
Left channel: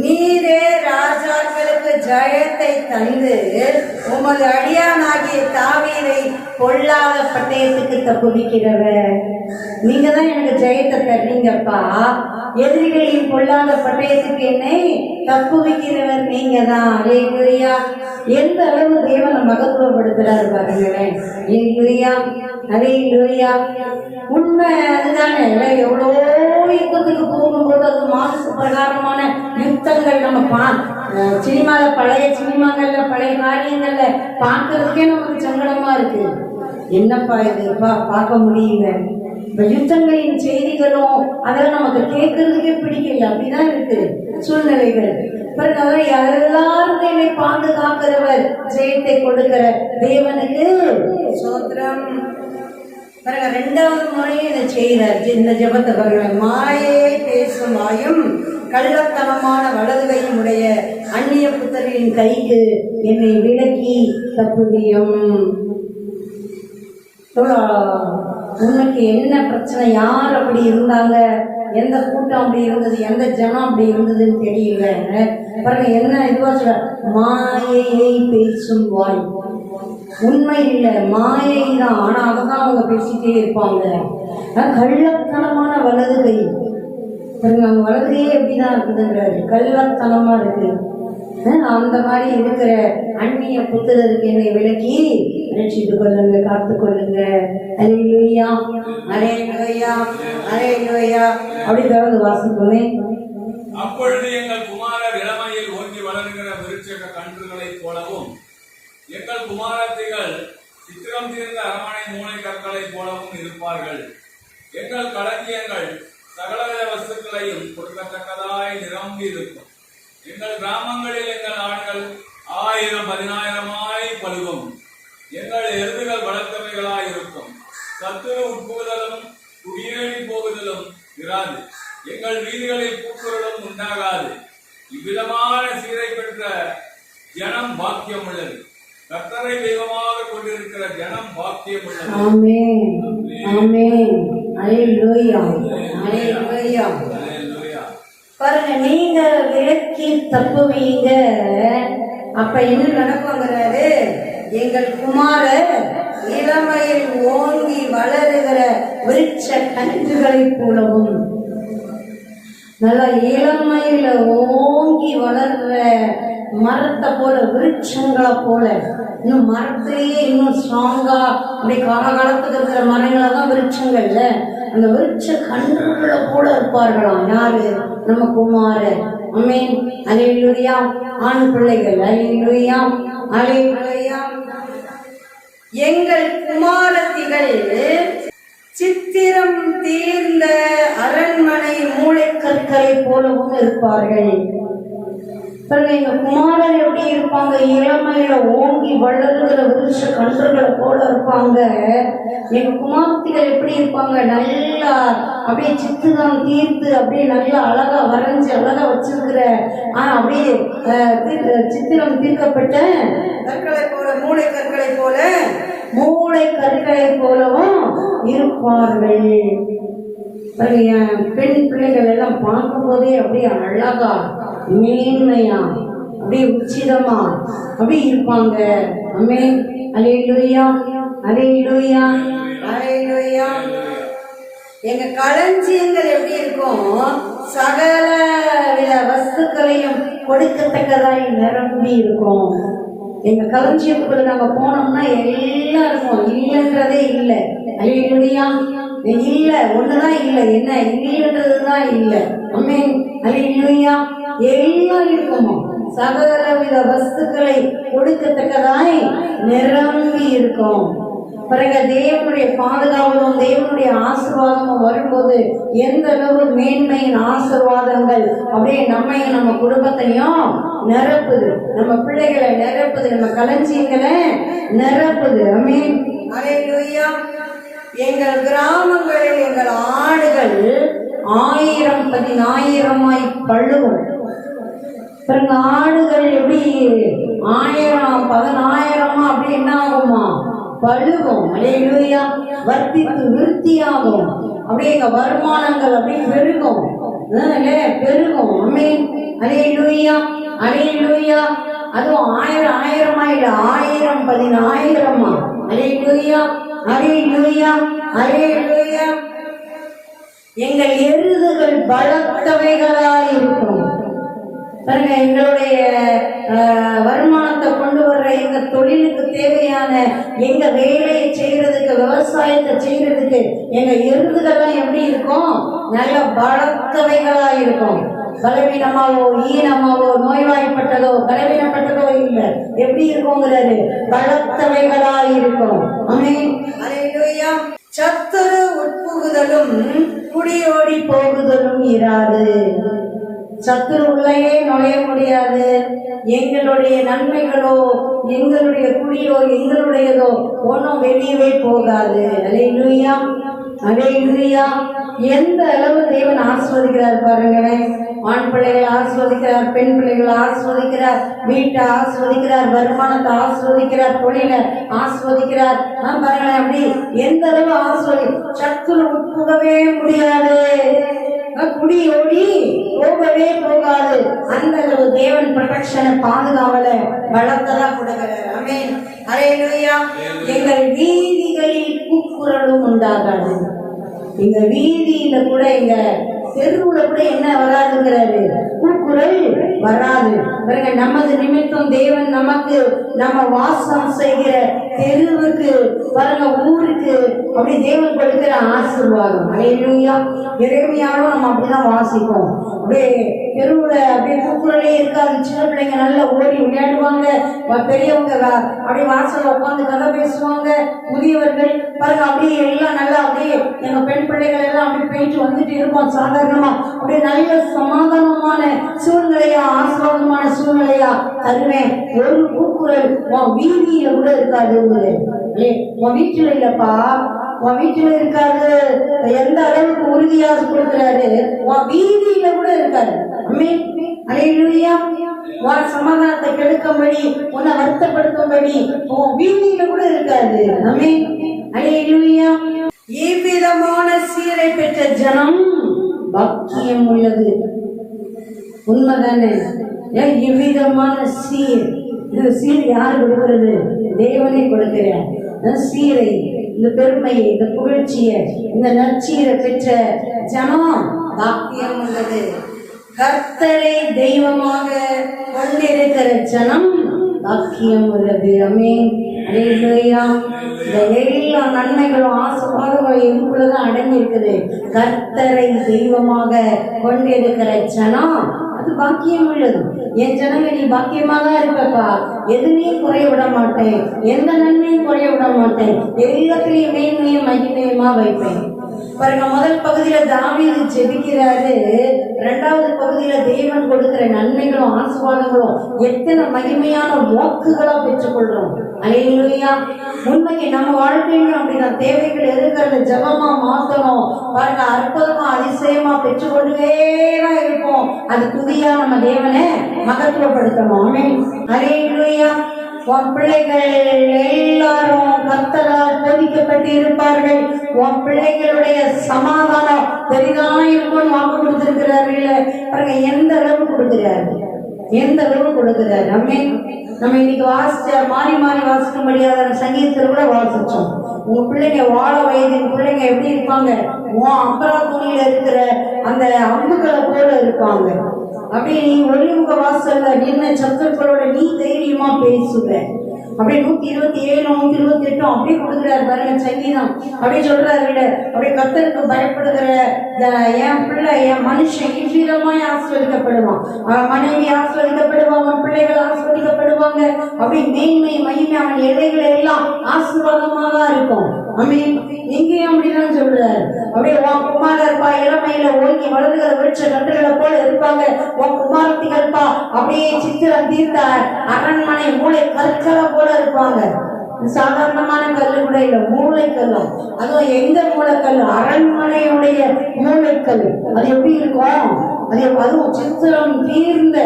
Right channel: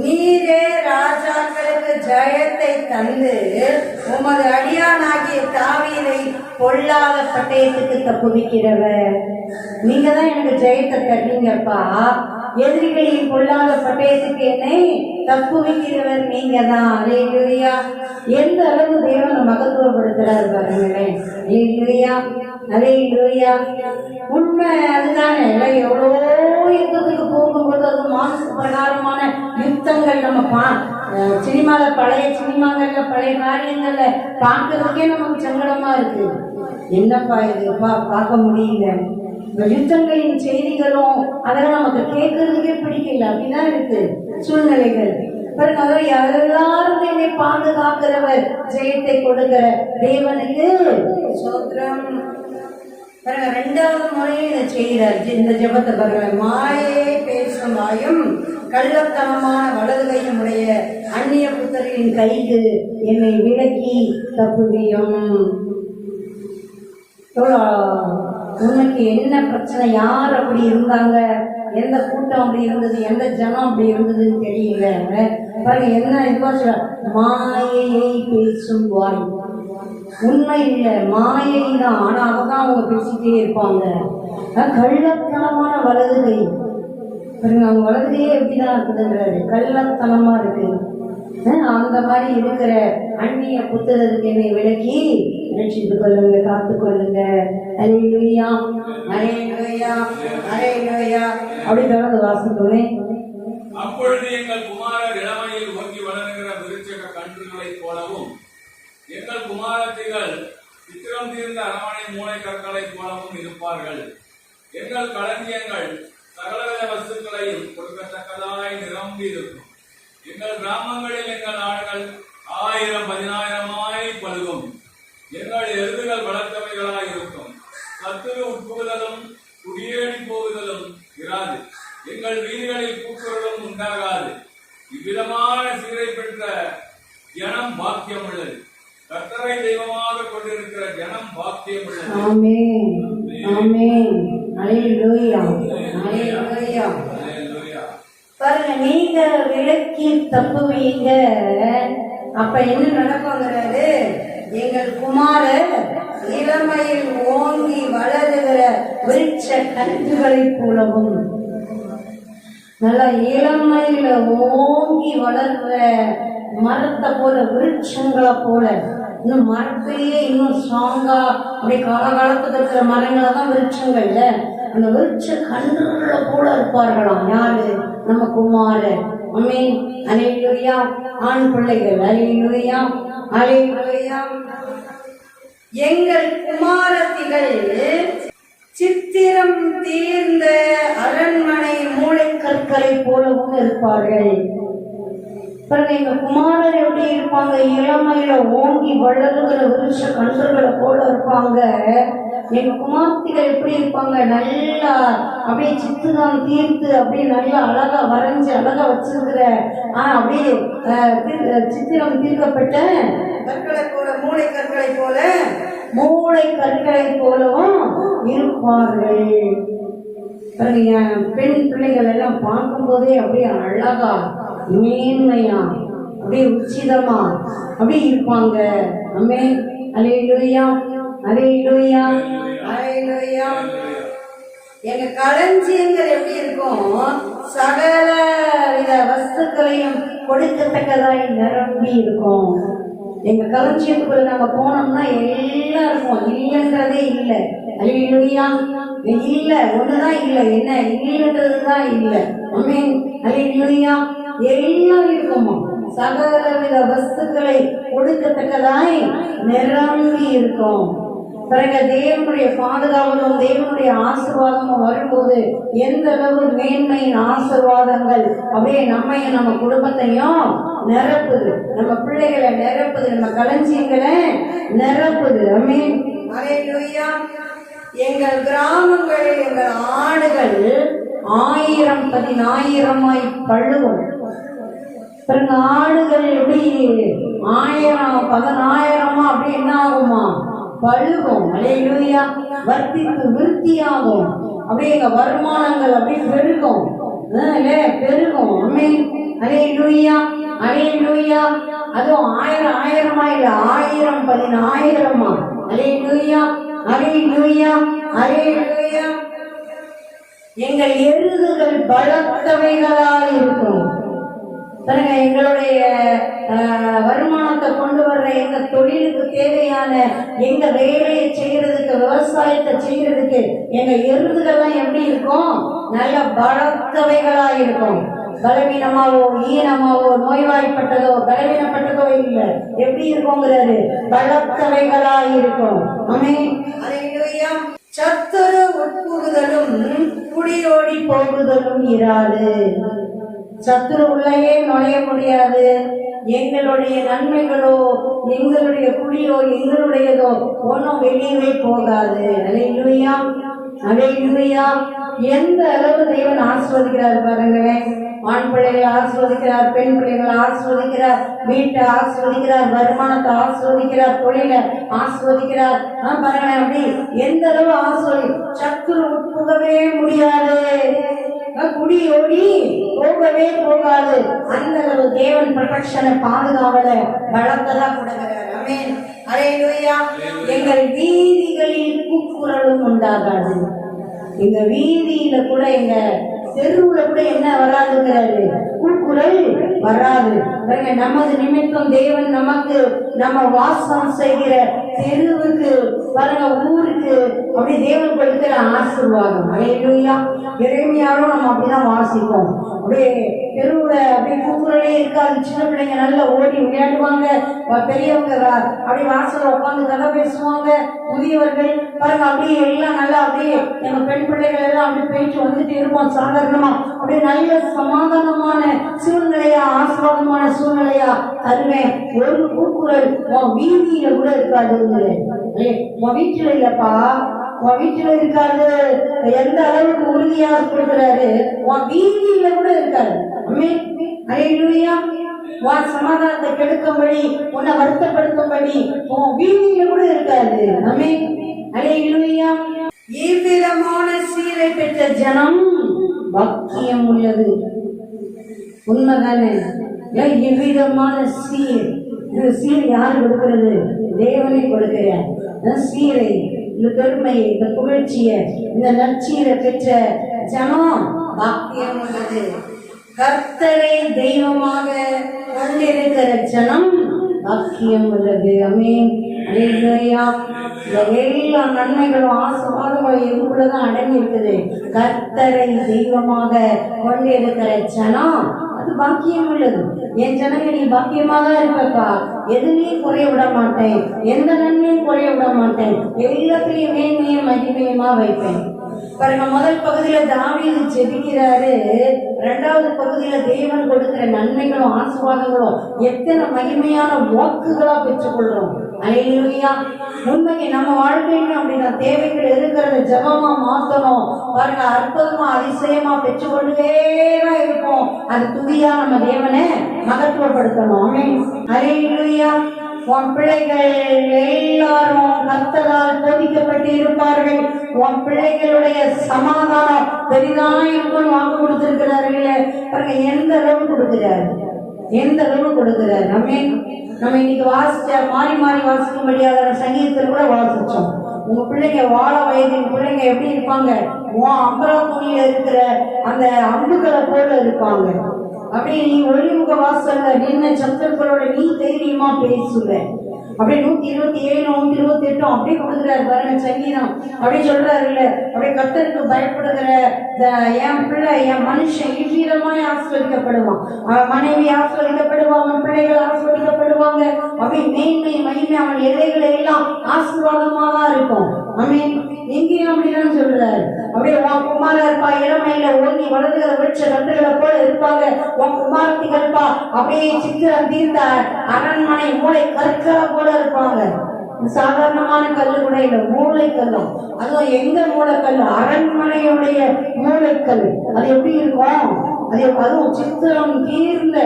நீரே ராஜாக்களுக்கு ஜெயத்தை தந்து உமது அடியானாகிய தாவீதை பொல்லாத பட்டயத்துக்கு தப்புவிக்கிறவர். நீங்க தான் எனக்கு ஜெயத்தை தர்றீங்கப்பா. எதிரிகளின் பொல்லாத பட்டயத்துக்கு என்னை தப்புவிக்கிறவர் நீங்க தான். அல்லேலூயா. எந்த அளவு தேவனை மகத்துவப்படுத்துறாரு பாருங்களேன். அல்லேலூயா, அல்லேலூயா. உண்மை அதுதானே. எவ்வளோ யுத்தத்துக்கு போகும்போது அது மாசு பிரகாரமான யுத்தங்கள் நம்ம சினிமால பழைய சினிமாங்கள்ல பழைய காரியங்கள்ல பார்க்கறதுக்கே நமக்கு சங்கடமா இருக்கு. என்னப்பா இதுப்பா பார்க்க முடியல. இந்த யுத்தங்களின் செய்திகளும் அதெல்லாம் நமக்கு கேட்கறதுக்கே பிடிக்கல. அப்படிதான் இருக்கு சூழ்நிலைகள். எல்லாரும் என்னை பாதுகாக்கிறவர், ஜெயத்தை கொடுக்கிற தேவனுக்கு சோத்திரம். பாருங்க, 2வது முறையே இதை செய்கிறார். இந்த ஜெபத்தை பாருங்க. மாயை பேசும் வாயும் கள்ளத்தனமான வலது கையும் உடைய அந்நிய புத்தரின் கைக்கு என்னை விலக்கி தப்புவியும். உனக்கு என்ன பிரச்சனை, யார் அப்படி இருந்தாங்க, எந்த கூட்டம் அப்படி இருந்தது, எந்த ஜனம் அப்படி இருந்ததுன்னு தெரியல. பாருங்க என்ன இதுவா சொல்ல, மாயையை பேசும் வாய். உண்மை இல்லை, மாயை தான். ஆனா அதான் அவங்க பேசிட்டே இருப்பாங்க. கள்ளத்தனமான வலது கை பாருங்க, அவங்க வலதுகையே எப்படிதான் இருக்குதுங்கிறாரு, கள்ளத்தனமா இருக்கு. அந்த மாதிரி இருக்கிற அந்நிய புத்திரருக்கு என்னை விலக்கி ரட்சித்து கொள்ளுங்க, காத்து கொள்ளுங்க. அல்லேலூயா, அல்லேலூயா, அல்லேலூயா. அப்படி தொடர்ந்து வாசிப்போமே. அப்பொழுது எங்கள் குமாரர் இளமையில் ஓங்கி வளர்கிற விருட்சக கன்றுகளைப் போலவும் எங்கள் குமாரத்திகள் சித்திரம் தீர்ந்த அரமனை மூளை கற்களைப் போலவும் இருப்பார்கள். எங்கள் களஞ்சியங்கள் சகலவித வஸ்துக்களையும் கொடுக்கத்தக்கதாய் நிரம்பி இருக்கும். எங்கள் கிராமங்களில் எங்கள் ஆடுகள் 1000 10,000 பழுகும். எங்கள் எருதுகள் வளர்த்தவைகளாய் இருக்கும். சத்துரு உட்புகுதலும் குடியேறி போகுதலும் இராது. எங்கள் வீதிகளில் கூக்குரலும் உண்டாகாது. இவ்விதமான சீரை பெற்ற ஜனம் பாக்கியம் உள்ளது. கர்த்தரை தெய்வமாக கொண்டிருக்கிற ஜனம் பாக்கியம் உள்ளது. ஆமென் ஆமென் அல்லேலூயா அல்லேலூயா. பாருங்க, நீங்க விலக்கி தப்புவீங்க, அப்ப என்ன நடக்குங்கிறாரு, எங்கள் குமாரர் இளமையில் ஓங்கி வளருகிற விருட்ச கன்றுகளை போலவும். நல்லா இளமையில ஓங்கி வளர்ற மரத்தை போல, விருட்சங்களை போல, இன்னும் மரத்திலேயே இன்னும் ஸ்ட்ராங்கா அப்படி காலகாலத்துக்கு இருக்கிற மரங்களை தான் விருட்சங்கள்ல, அந்த விருட்ச கன்றுகளை போல இருப்பார்களாம். யாரு? நம்ம குமாரர். ஆமென் அல்லேலூயா. ஆண் பிள்ளைகள் அல்லேலூயா அல்லேலூயா. எங்கள் குமாரத்திகள் சித்திரம் தீர்ந்த அரண்மனை மூளைக்கற்களை போலவும் இருப்பார்கள். பிறகு எங்க குமாரர் எப்படி இருப்பாங்க? இளமையில ஓங்கி வளருகிற விருட்ச கன்றுகளை போல இருப்பாங்க. எங்க குமார்த்திகள் எப்படி இருப்பாங்க? நல்லா அப்படியே சித்திரம் தீர்த்து அப்படியே நல்லா அழகா வரைஞ்சு அழகா வச்சிருக்கிற அப்படியே சித்திரம் தீர்க்கப்பட்ட கற்களை போல, மூளை கற்களை போல, மூளை கற்களை போலவும் இருப்பார்கள். பெண் பிள்ளைகள் எல்லாம் பார்க்கும் போதே அப்படியே அழகா மேன்மையா அப்படியே உச்சிதமா அப்படியே இருப்பாங்க. ஆமென் அல்லேலூயா அல்லேலூயா அல்லேலூயா. எங்க களஞ்சியங்கள் எப்படி இருக்கும்? சகல வித வஸ்துக்களையும் கொடுக்கத்தக்கதாய் நிரம்பி இருக்கும். எங்க களஞ்சியத்துக்குள்ள நம்ம போனோம்னா எல்லாம் இருக்கும், இல்லைன்றதே இல்லை. அல்லேலூயா. இல்ல ஒண்ணுதான் இல்லை, என்ன இல்லைன்றதுதான் இல்லை. ஆமென் அல்லேலூயா. எல்லாம் இருக்குமா, சகலவித வஸ்துக்களை கொடுக்கத்தக்கதாய் நிரம்பி இருக்கும். பிறகு தேவனுடைய பாதுகாவலும் தேவனுடைய ஆசீர்வாதமும் வரும்போது எந்த அளவு மேன்மையின் ஆசீர்வாதங்கள் அப்படியே நம்மையும் நம்ம குடும்பத்தையும் நிரப்புது, நம்ம பிள்ளைகளை நிரப்புது, நம்ம களஞ்சியங்களை நிரப்புது. ஆமென் அல்லேலூயா. எங்கள் கிராமங்களில் எங்கள் ஆடுகள் 1000 10,000 பழுவும். பிறகு ஆடுகள் எப்படி 1000 10,000 அப்படி என்ன ஆகுமா? பழுகும். அல்லேலூயா. வர்த்தித்து விருத்தியாகும். அப்படியே எங்க வருமானங்கள் அப்படியே பெருகும் பெருகும். ஆமென் அல்லேலூயா அல்லேலூயா. அதுவும் 1000 1000 1000 10,000. அல்லேலூயா அல்லேலூயா அல்லேலூயா. எங்கள் எருதுகள் பலத்தவைகளாக இருக்கும். பாருங்க, எங்களுடைய வருமானத்தை கொண்டு வர்ற எங்க தொழிலுக்கு தேவையான எங்க வேலையை செய்யறதுக்கு, விவசாயத்தை செய்யறதுக்கு எங்க எருதுகள்லாம் எப்படி இருக்கும்? நல்ல பலத்தவைகளா இருக்கும். பலவீனமாவோ ஈனமாவோ நோய்வாய்ப்பட்டதோ பலவீனப்பட்டதோ இல்லை, எப்படி இருக்குங்கிறாரு? பலத்தவைகளா இருக்கும். ஆமென் அல்லேலூயா. சத்துரு உட்புகுதலும் குடியோடி போகுதலும் இராது. சத்துரு உள்ளேயே நுழைய முடியாது. எங்களுடைய நன்மைகளோ எங்களுடைய குடியோ எங்களுடையதோ ஒன்றும் வெளியவே போகாது. அல்லேலூயா அல்லேலூயா. எந்த அளவு தேவன் ஆசீர்வதிக்கிறார் பாருங்களேன். ஆண் பிள்ளைகளை ஆசீர்வதிக்கிறார், பெண் பிள்ளைகளை ஆசீர்வதிக்கிறார், வீட்டை ஆசீர்வதிக்கிறார், வருமானத்தை ஆசீர்வதிக்கிறார், தொழிலை ஆசீர்வதிக்கிறார். பாருங்களேன், அப்படி எந்த அளவு ஆசீர்வதி. சத்துரு உட்புகவே முடியாது, குடியோடி போகவே போகாது. அந்த அளவு தேவன் ப்ரொடெக்ஷனை பாதுகாவலை வளர்த்ததா கொடுக்கிறார். ஆமென் அல்லேலூயா. எங்கள் வீதிகளில் கூக்குரலும் உண்டாகாது. எங்க வீதியில கூட எங்க தெருவுல கூட என்ன வராதுங்கிறாரு? கூக்குரல் வராது. நமது நிமித்தம் தேவன் நமக்கு நம்ம வாசம் செய்கிற தெருவுக்கு பாருங்க, ஊருக்கு அப்படி தேவன் கொடுக்கிற ஆசீர்வாதம். அல்லேலூயா. எரேமியாவும் நம்ம அப்படிதான் வாசிப்போம். அப்படியே தெருவுல அப்படியே கூக்குரலே இருக்காது. சின்ன பிள்ளைங்க நல்லா ஓடி விளையாடுவாங்க, பெரியவங்க அப்படியே வாசல்ல உட்காந்து கதை பேசுவாங்க, முதியவர்கள் பாருங்க அப்படியே எல்லாம் நல்லா அப்படியே எங்க பெண் பிள்ளைகள் எல்லாம் அப்படி போயிட்டு வந்துட்டு இருப்போம். சாதாரணமா அப்படியே நல்ல சமாதானமான சூழ்நிலையா, ஆசிர்வாதமான சூழ்நிலையா தருவேன். ஒரு கூக்குரல் உன் வீதியில கூட இருக்காது. உன் வீட்டுல இல்லப்பா, உன் வீட்டுல இருக்காது. எந்த அளவுக்கு உறுதியாக கொடுக்கிறாரு, உன் வீதியில கூட இருக்காது. அல்லேலூயா. உன் சமாதானத்தை கெடுக்கும்படி, உன்னை வருத்தப்படுத்தும்படி உன் வீதியில கூட இருக்காது. ஆமென். அல்லேலூயா. இவ்விதமான சீரை பெற்ற ஜனம் பாக்கியம் உள்ளது. உண்மைதானே? இவ்விதமான சீர், இந்த சீர் யார் கொடுக்கிறது? தேவனை கொடுக்கிறார். சீரை, இந்த பெருமையை, இந்த புகழ்ச்சியை, இந்த நற்சீரை பெற்ற ஜனம் பாக்கியம் உள்ளது. கர்த்தரை தெய்வமாக கொண்டிருக்கிற ஜனம் பாக்கியம் உள்ளது. ஆமென். அல்லேலூயா. எல்லா நன்மைகளும் ஆசீர்வாதங்களும் இதுக்குள்ளதான் அடங்கி இருக்குது. கர்த்தரை தெய்வமாக கொண்டிருக்கிற ஜனம் அது பாக்கியம் உள்ளது. என் ஜனங்க நீ பாக்கியமாக இருப்பப்பா, எதுலையும் குறைய விட மாட்டேன், எந்த நன்மையும் குறைய விட மாட்டேன், எல்லாத்திலையும் மேன்மையும் மகிமையுமா வைப்பேன். பாருங்க, முதல் பகுதியில தாவீது ஜெபிக்கிறாரு, இரண்டாவது பகுதியில தேவன் கொடுக்கிற நன்மைகளும் ஆசீர்வாதங்களும் எத்தனை மகிமையான வாக்குகளா பெற்றுக்கொள்றோம். அல்லேலூயா. உண்மைக்கு நம்ம வாழ்க்கையிலும் அப்படிதான் தேவைகள் இருக்கிறத ஜபமா மாத்தணும். பாருங்க, அற்புதமா அதிசயமா பெற்றுக்கொண்டுதான் இருப்போம். அது துதியா நம்ம தேவனை மகத்துவப்படுத்தணும். ஆமென். அல்லேலூயா. உன் பிள்ளைகள் எல்லாரும் கர்த்தரால் போதிக்கப்பட்டு இருப்பார்கள். உன் பிள்ளைகளுடைய சமாதானம் பெரிதான் இருக்கும்னு வாக்கு கொடுத்திருக்கிறார்கள். பாருங்க, எந்த அளவு கொடுக்கிறாரு, எந்த அளவு கொடுக்கிறாரு. நம்ம இன்னைக்கு வாசிச்ச மாறி மாறி வாசிக்க முடியாத சங்கீதத்தில் கூட வாசிச்சோம். உங்க பிள்ளைங்க வாழ வயதின் பிள்ளைங்க எப்படி இருப்பாங்க? உன் அம்பரா துணியில இருக்கிற அந்த அம்புகளை போல இருப்பாங்க. அப்படியே நீ ஒளிமுக வாசல்ல நின்ன சத்துருக்களோட நீ தைரியமா பேசுவ. அப்படியே 127 128 அப்படியே கொடுக்குறாரு பாருங்க சங்கீதம். அப்படியே சொல்றாரு, அப்படியே கர்த்தருக்கு பயப்படுகிற என் பிள்ளை, என் மனுஷன் இவ்விதமாய் ஆசீர்வதிக்கப்படுவான். மனைவி ஆசீர்வதிக்கப்படுவான், அவன் பிள்ளைகள் ஆசீர்வதிக்கப்படுவாங்க. அப்படி மேன்மை மகிமை அவன் எல்லைகள் எல்லாம் ஆசீர்வாதமாக இருக்கும். ஆமென். இங்கேயும் அப்படிதான் சொல்றாரு. அப்படியே உன் குமாரா இருப்பா, இளமையில ஓங்கி வளர்ந்துகிற விருட்ச கன்றுகளை போல இருப்பாங்க. உன் குமார்த்திகள்ப்பா அப்படியே சித்திரம் தீர்த்த அரண்மனை மூளை கற்களை போல இருப்பாங்க. சாதாரணமான கல்லு கூட இல்ல, மூளைக்கல்லும். அதுவும் எங்க மூளைக்கல்? அரண்மனையுடைய மூளைக்கல். அது எப்படி இருக்கும்? அதுவும் சித்திரம் தீர்ந்த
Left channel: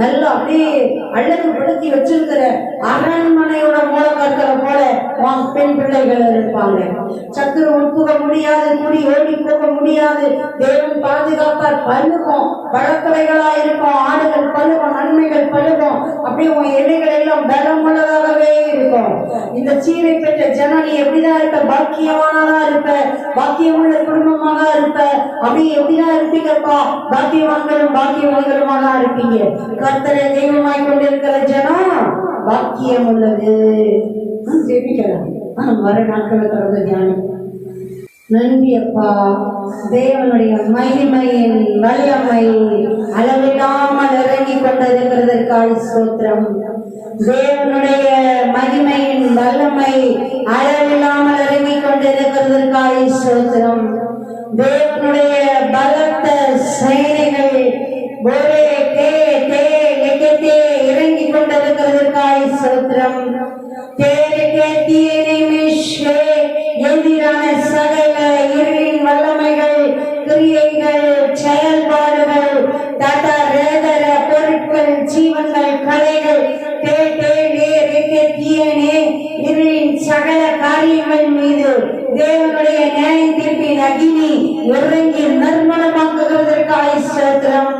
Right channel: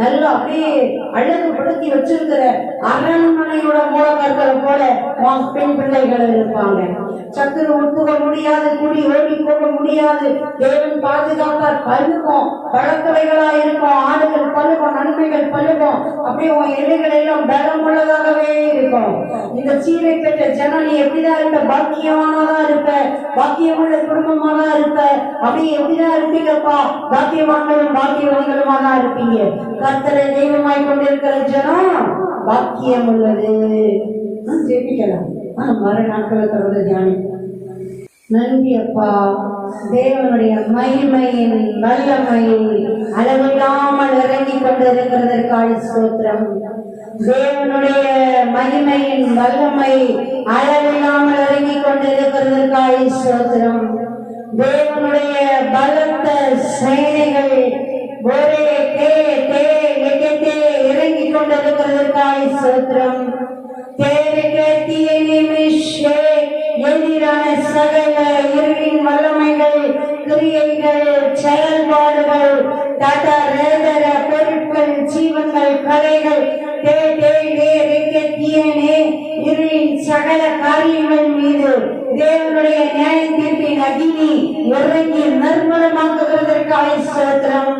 நல்லா அப்படியே அழகுபடுத்தி வச்சிருக்கிற அரண்மனையோட மூலக்கற்களை போல உன் பெண் பிள்ளைகள் இருப்பாங்க. சத்துரு ஒப்புக முடியாது, குடி ஓடி போக முடியாது. தேவன் பாதுகாப்பார். பழுக்கும், பழக்கலைகளா இருக்கும், ஆடுகள் பழுக்கும், நன்மைகள் பழுக்கும். அப்படியே உன் இலைகள் எல்லாம் பலமுள்ளதாகவே இருக்கும். இந்த சீரை பெற்ற ஜனம் நீ எப்படிதான் இருப்ப? பாக்கியவானதா இருப்ப, பாக்கியமுள்ள குடும்பமாக இருப்ப. அப்படி எப்படிதான் இருப்பீங்கப்பா? பாக்கியவான்களும் பாக்கியவான்களுமாக தான் இருப்பீங்க. கர்த்தரை தெய்வமாய் கொண்டிருக்கிற ஜனம் பாக்கியம் உள்ளது. ஜெபிக்கலாம். வர நாட்கள் தொடர்ந்து தியானி. நன்றி அப்பா, தேவனுடைய மகிமையின் வல்லமை அளவில்லாமல் இறங்கி கொண்டிருக்கிறதற்காக ஸ்தோத்திரம். தேவனுடைய மகிமையின் வல்லமை அளவில்லாமல் இறங்கி கொண்டிருக்கிறதற்காக ஸ்தோத்திரம். தேவனுடைய பலத்த சேனைகள் ஒரே இறங்கி கொண்டிருக்கிறதற்காக ஸ்தோத்திரம். எதிரான சகல இருளின் வல்லமைகள், கிரியைகள், செயல்பாடுகள், பொருட்கள், ஜீவன்கள், கலைகள், இருளின் சகல காரியங்கள் மீது தேவனுடைய நியாய தீர்ப்பின் அகினி இறங்கி நிர்மலமாக்குவதற்காக ஸ்தோத்திரம்.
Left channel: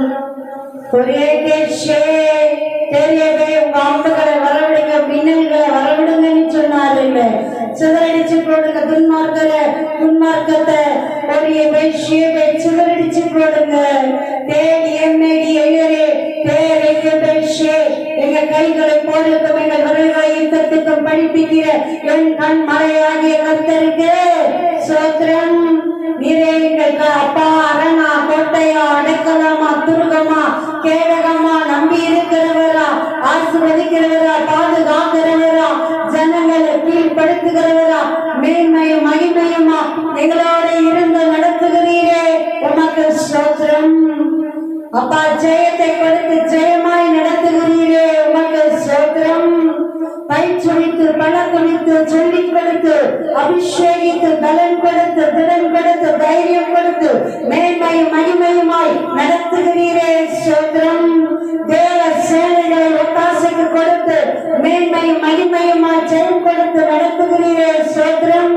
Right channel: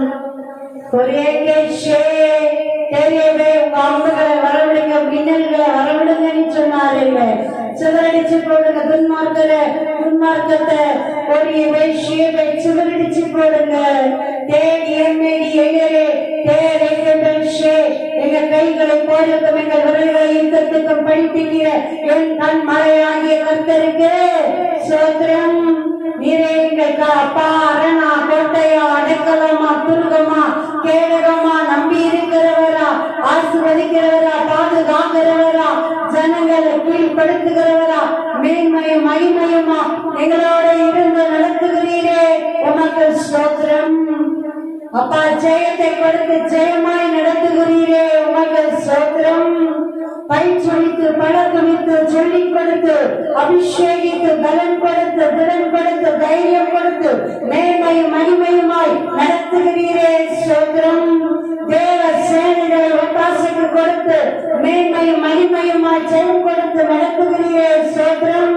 தெரியவே உங்க அம்புகளை வரவிடுங்க, மின்னல்களை வரவிடுங்கன்னு சொன்னார். இல்ல சிதறடிச்சு போடுங்க, துன்மார்க்கத்தை ஒரு வேஷியை சிதறடிச்சு போடுங்க. எங்க கைகளை போடுக்கும், எங்க விரைவாக யுத்தத்துக்கும் படிப்பிக்கிற என் கண் மழையாகிய கர்த்தருக்கு ஸ்தோத்திரம். நீரே எங்கள் அப்பா அரணா, கோட்டையா, அடைக்கலமா, துருகமா, கேடகமா, நம்பி இருக்கிறவரா, ஆசீர்வதிக்கிறவரா, பாதுகாக்கிறவரா, ஜனங்களை கீழ்படுத்துகிறவரா, மேன்மையும் மகிமையுமா எங்களோட இருந்து நடத்துகிறீரே, உமக்கு ஸ்தோத்திரம். அப்பா, ஜெயத்தை கொடுத்து ஜெயமாய் நடத்துகிறீரே, உமக்கு ஸ்தோத்திரம். பயிற்சித்து பலகுடித்து சொல்லிக் கொடுத்து அபிஷேகித்து பலன் கொடுத்து திறன் கொடுத்து தைரியம் கொடுத்து மேன்மையும் மகிமையுமாய் நடத்துகிறீரே, ஸ்தோத்திரம். தேவ சேனைகளை ஒத்தாசைக்கு கொடுத்து மேன்மையும் மகிமையுமாய் ஜெயம் கொடுத்து நடத்துகிறீரே, ஸ்தோத்திரம்.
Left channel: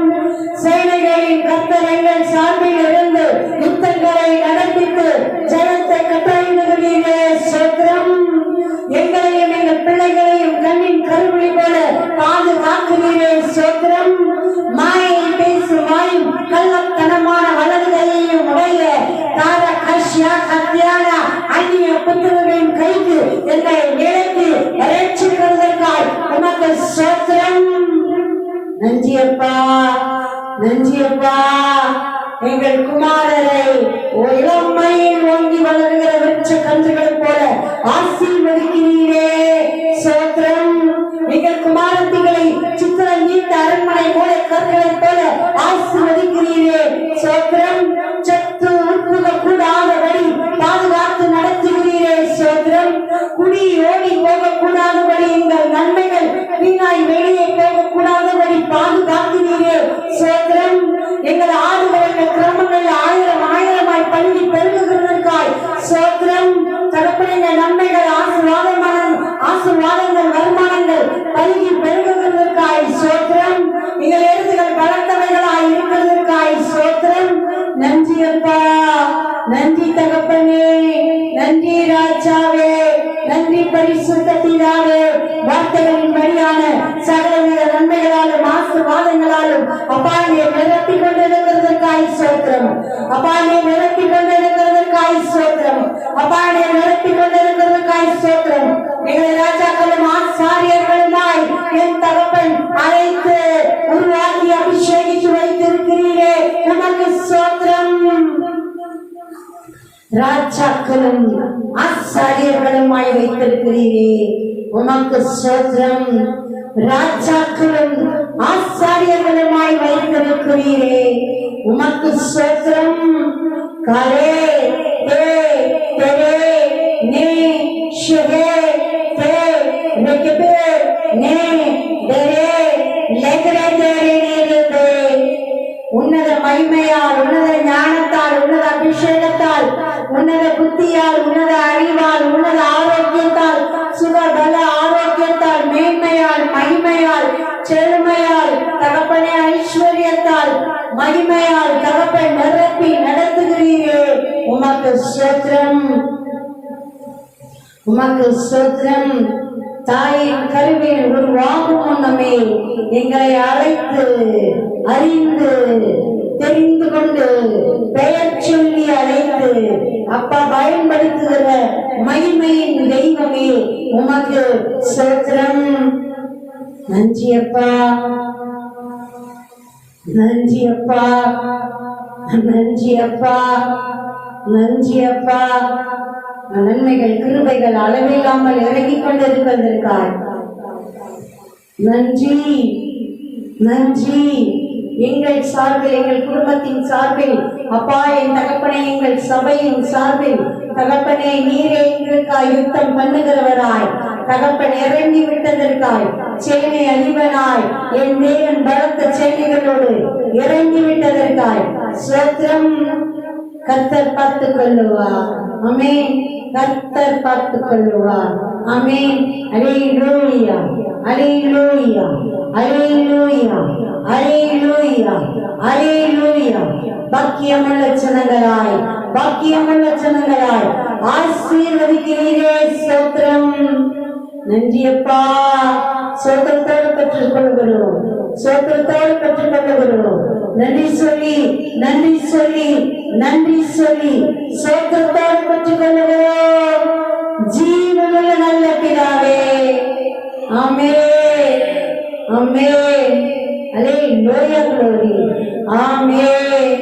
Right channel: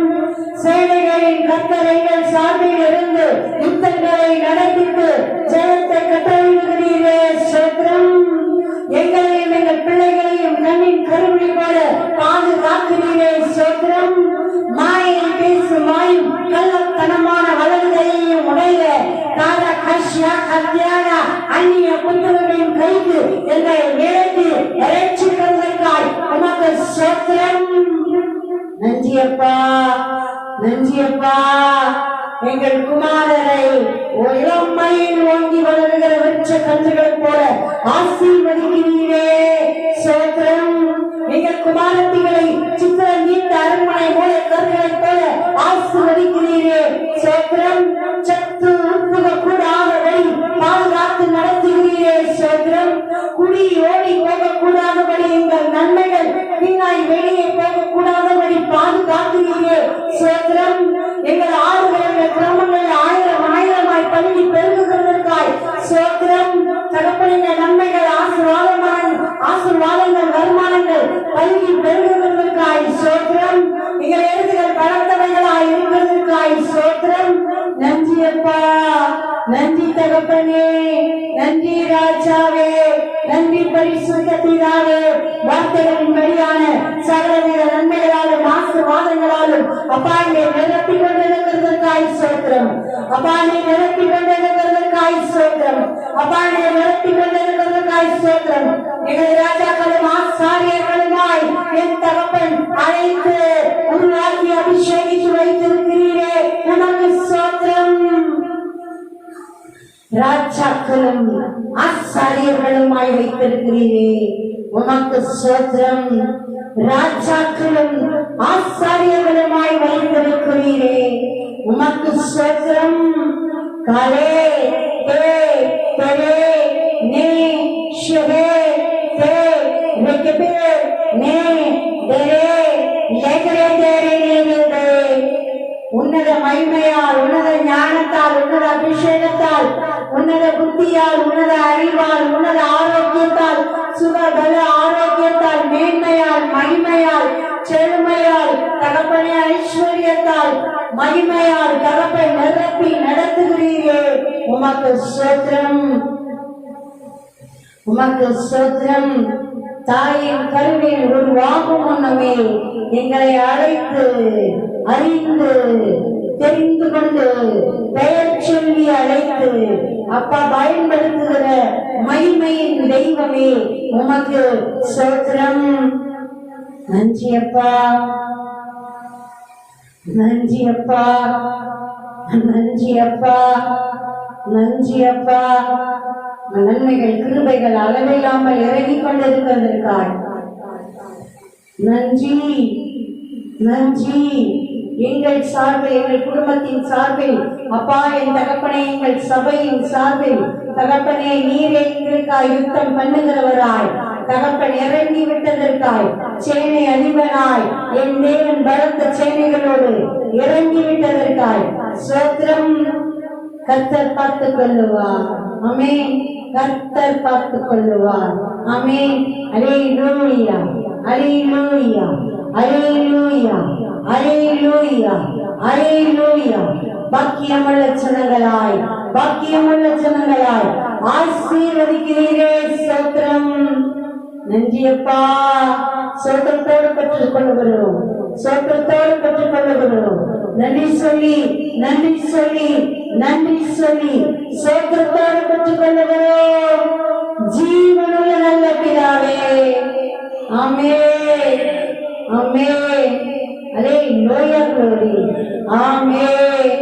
சேனைகளின் கர்த்தர் எங்கள் சார்பில் இருந்து யுத்தங்களை நடத்தித்து ஜனத்தை கட்டளையிடுகிறீரே, ஸ்தோத்திரம். எங்களையும் எங்கள் பிள்ளைகளையும் கண்ணின் கருவிழி போல பாதுகாக்கிறீரே, ஸ்தோத்திரம். மாயை பேசும் வாயும் கள்ளத்தனமான வளர்கையையும் உடைய தார கஷ்யா கத்தியான அந்நிய புத்திரர்களின் கைக்கு எங்களை நிலைத்து ரட்சிக்கிறதற்காய் உமக்கு ஸ்தோத்திரம். நன்றியப்பா, நன்றியப்பா. எங்கள் குமாரரை இளமையில் ஓங்கி வளர்கிற விருட்ச கன்றுகள் போல ஆசீர்வதிக்கிறீரே, ஸ்தோத்திரம். எங்கள் குமாரத்திகளை சித்திர நீண்ட அரண்மனை மூல கற்களைப் போல ஆசீர்வதிக்கிறீரே, ஸ்தோத்திரம். சத்து உட்புக கூடாதபடி பாதுகாத்து நடத்துகிறீரே, ஸ்தோத்திரம். குடி ஓடி போகக்கூடாதபடி எங்கள் நன்மைகள் வீணாய் வெளியே போகக்கூடாதபடி பாதுகாக்கிறீரே, ஸ்தோத்திரம். எங்கள் ஆடுகளுடைய கிராமங்கள் ஆயிரம் ஆயிரமாய் பள்ளி பெருகுகிறதற்காய் ஸ்தோத்திரம். தகப்பனின் நன்மைகள் ஆசீர்வாதங்கள் வருமானங்கள் பள்ளி பெருகுகிறதற்காய் ஸ்தோத்திரம். எங்கள் எழுதுகள் பலத்தவைகளாய் இருக்கிறதற்காய் ஸ்தோத்திரம். நன்றி அப்பா, நன்றி தகப்பனே, நன்றி ராஜாவே, நன்றி பரிசுத்த பிதாவே. வார்த்தைகளின் வழியான சகல நன்மைகளாலும் ஆசீர்வாதங்களாலும் அப்பாயை நிரப்பிக் கொண்டிருக்கிறதற்காய் ஸ்தோத்திரம். அப்பாயை நிரப்பிக் கொண்டிருக்கிறதற்காய் ஸ்தோத்திரம். அப்பாயை நிரப்பிக் கொண்டிருக்கிறதற்காய் ஸ்தோத்திரம். எங்கள் ராஜாக்களும் ஆசாரியர்களுமாய் என் தகப்பன் அழைத்து உருவாக்கி அபிஷேகித்து வைத்திருக்கிறீரே, நமக்கு ஸ்தோத்திரம். ராஜாக்களும் ஆசாரியர்களுமாய் வைத்திருக்கிறீரே, உமக்கு ஸ்தோத்திரம். ராஜாக்களும் ஆசாரியர்களுமாய் வைத்திருக்கிறீரே, உமக்கு ஸ்தோத்திரம். காலே தே தெரே நே ஷெஹே தே ரெகபே நே தெரே லெகரே தெரே நேலே. உன்னத மகிமையால், உன்னத ஞானத்தால், உன்னத அபிஷேகத்தால், உன்னத புத்தியால், உன்னத அறிவால், உன்னத ஆரோக்கியத்தால், சுகபல ஆரோக்கியத்தால், மேன்மையால், மகிமையால், செழுமையால், தகப்பனே ஐஸ்வர்யத்தால், மகிமையால் தகப்பன் நிரப்பி நடத்துகிறீரே, உமக்கு ஸ்தோத்திரம், உமக்கு ஸ்தோத்திரம். தாயின் கருவில் உருவாகும் முன்னமே எங்களை அழைத்து அறிந்து தெரிந்து கொண்டு பெயர் சொல்லி அழைத்து அப்பா பயன்படுத்துகிற மகிமையின் தெய்வமே, உமக்கு ஸ்தோத்திரம். நன்றி அப்பா, நன்றி அப்பா, நன்றி அப்பா, நன்றி அப்பா. நன்மைகள் கிருபைகள் அளவில்லாமல் இறங்கிக் கொண்டிருக்கிறதற்காய் நன்றி, நன்றி. எங்கள் சார்பில், எங்கள் குடும்பத்தின் சார்பில் அப்பா, என் தகப்பனே, எங்கள் சபையின் சார்பில் தகப்பனே, நீரே எங்களுக்காய் யுத்தம் பண்ணுகிறவராய் தகப்பன் இறங்கி விட்டதற்காய், சேனை அதிபனாய் என் தேவன் பலத்த சேனைகளோடு இறங்கி விட்டதற்காய் ஸ்தோத்திரம். கர்த்தர் பார்த்துக் கொள்ளுவார். ஆமென். கர்த்தர் பார்த்துக் கொள்ளுவார். ஆமென். அல்லேலூயா, அல்லேலூயா, அல்லேலூயா, அல்லேலூயா, அல்லேலூயா. பாக்கியமுள்ள ஜனங்களாய், பாக்கியமுள்ள ஜனங்களாய் ஆசீர்வதிக்கிறீரே, ஸ்தோத்திரம். நன்றி அப்பா. சோத்திரத்தோடு பெற்றுக் கொள்கிறோம், சோத்திரத்தோடு பெற்றுக் கொள்கிறோம். நன்றி சொல்லி, நன்றி சொல்லி, நன்றி சொல்லி சோத்திரத்தோடு பெற்றுக் கொள்கிறோம். ஜீவனுள்ள நல்ல பிதாவே, ஆமென், ஆமென். அல்லேலூயா, glory, ஆமென்.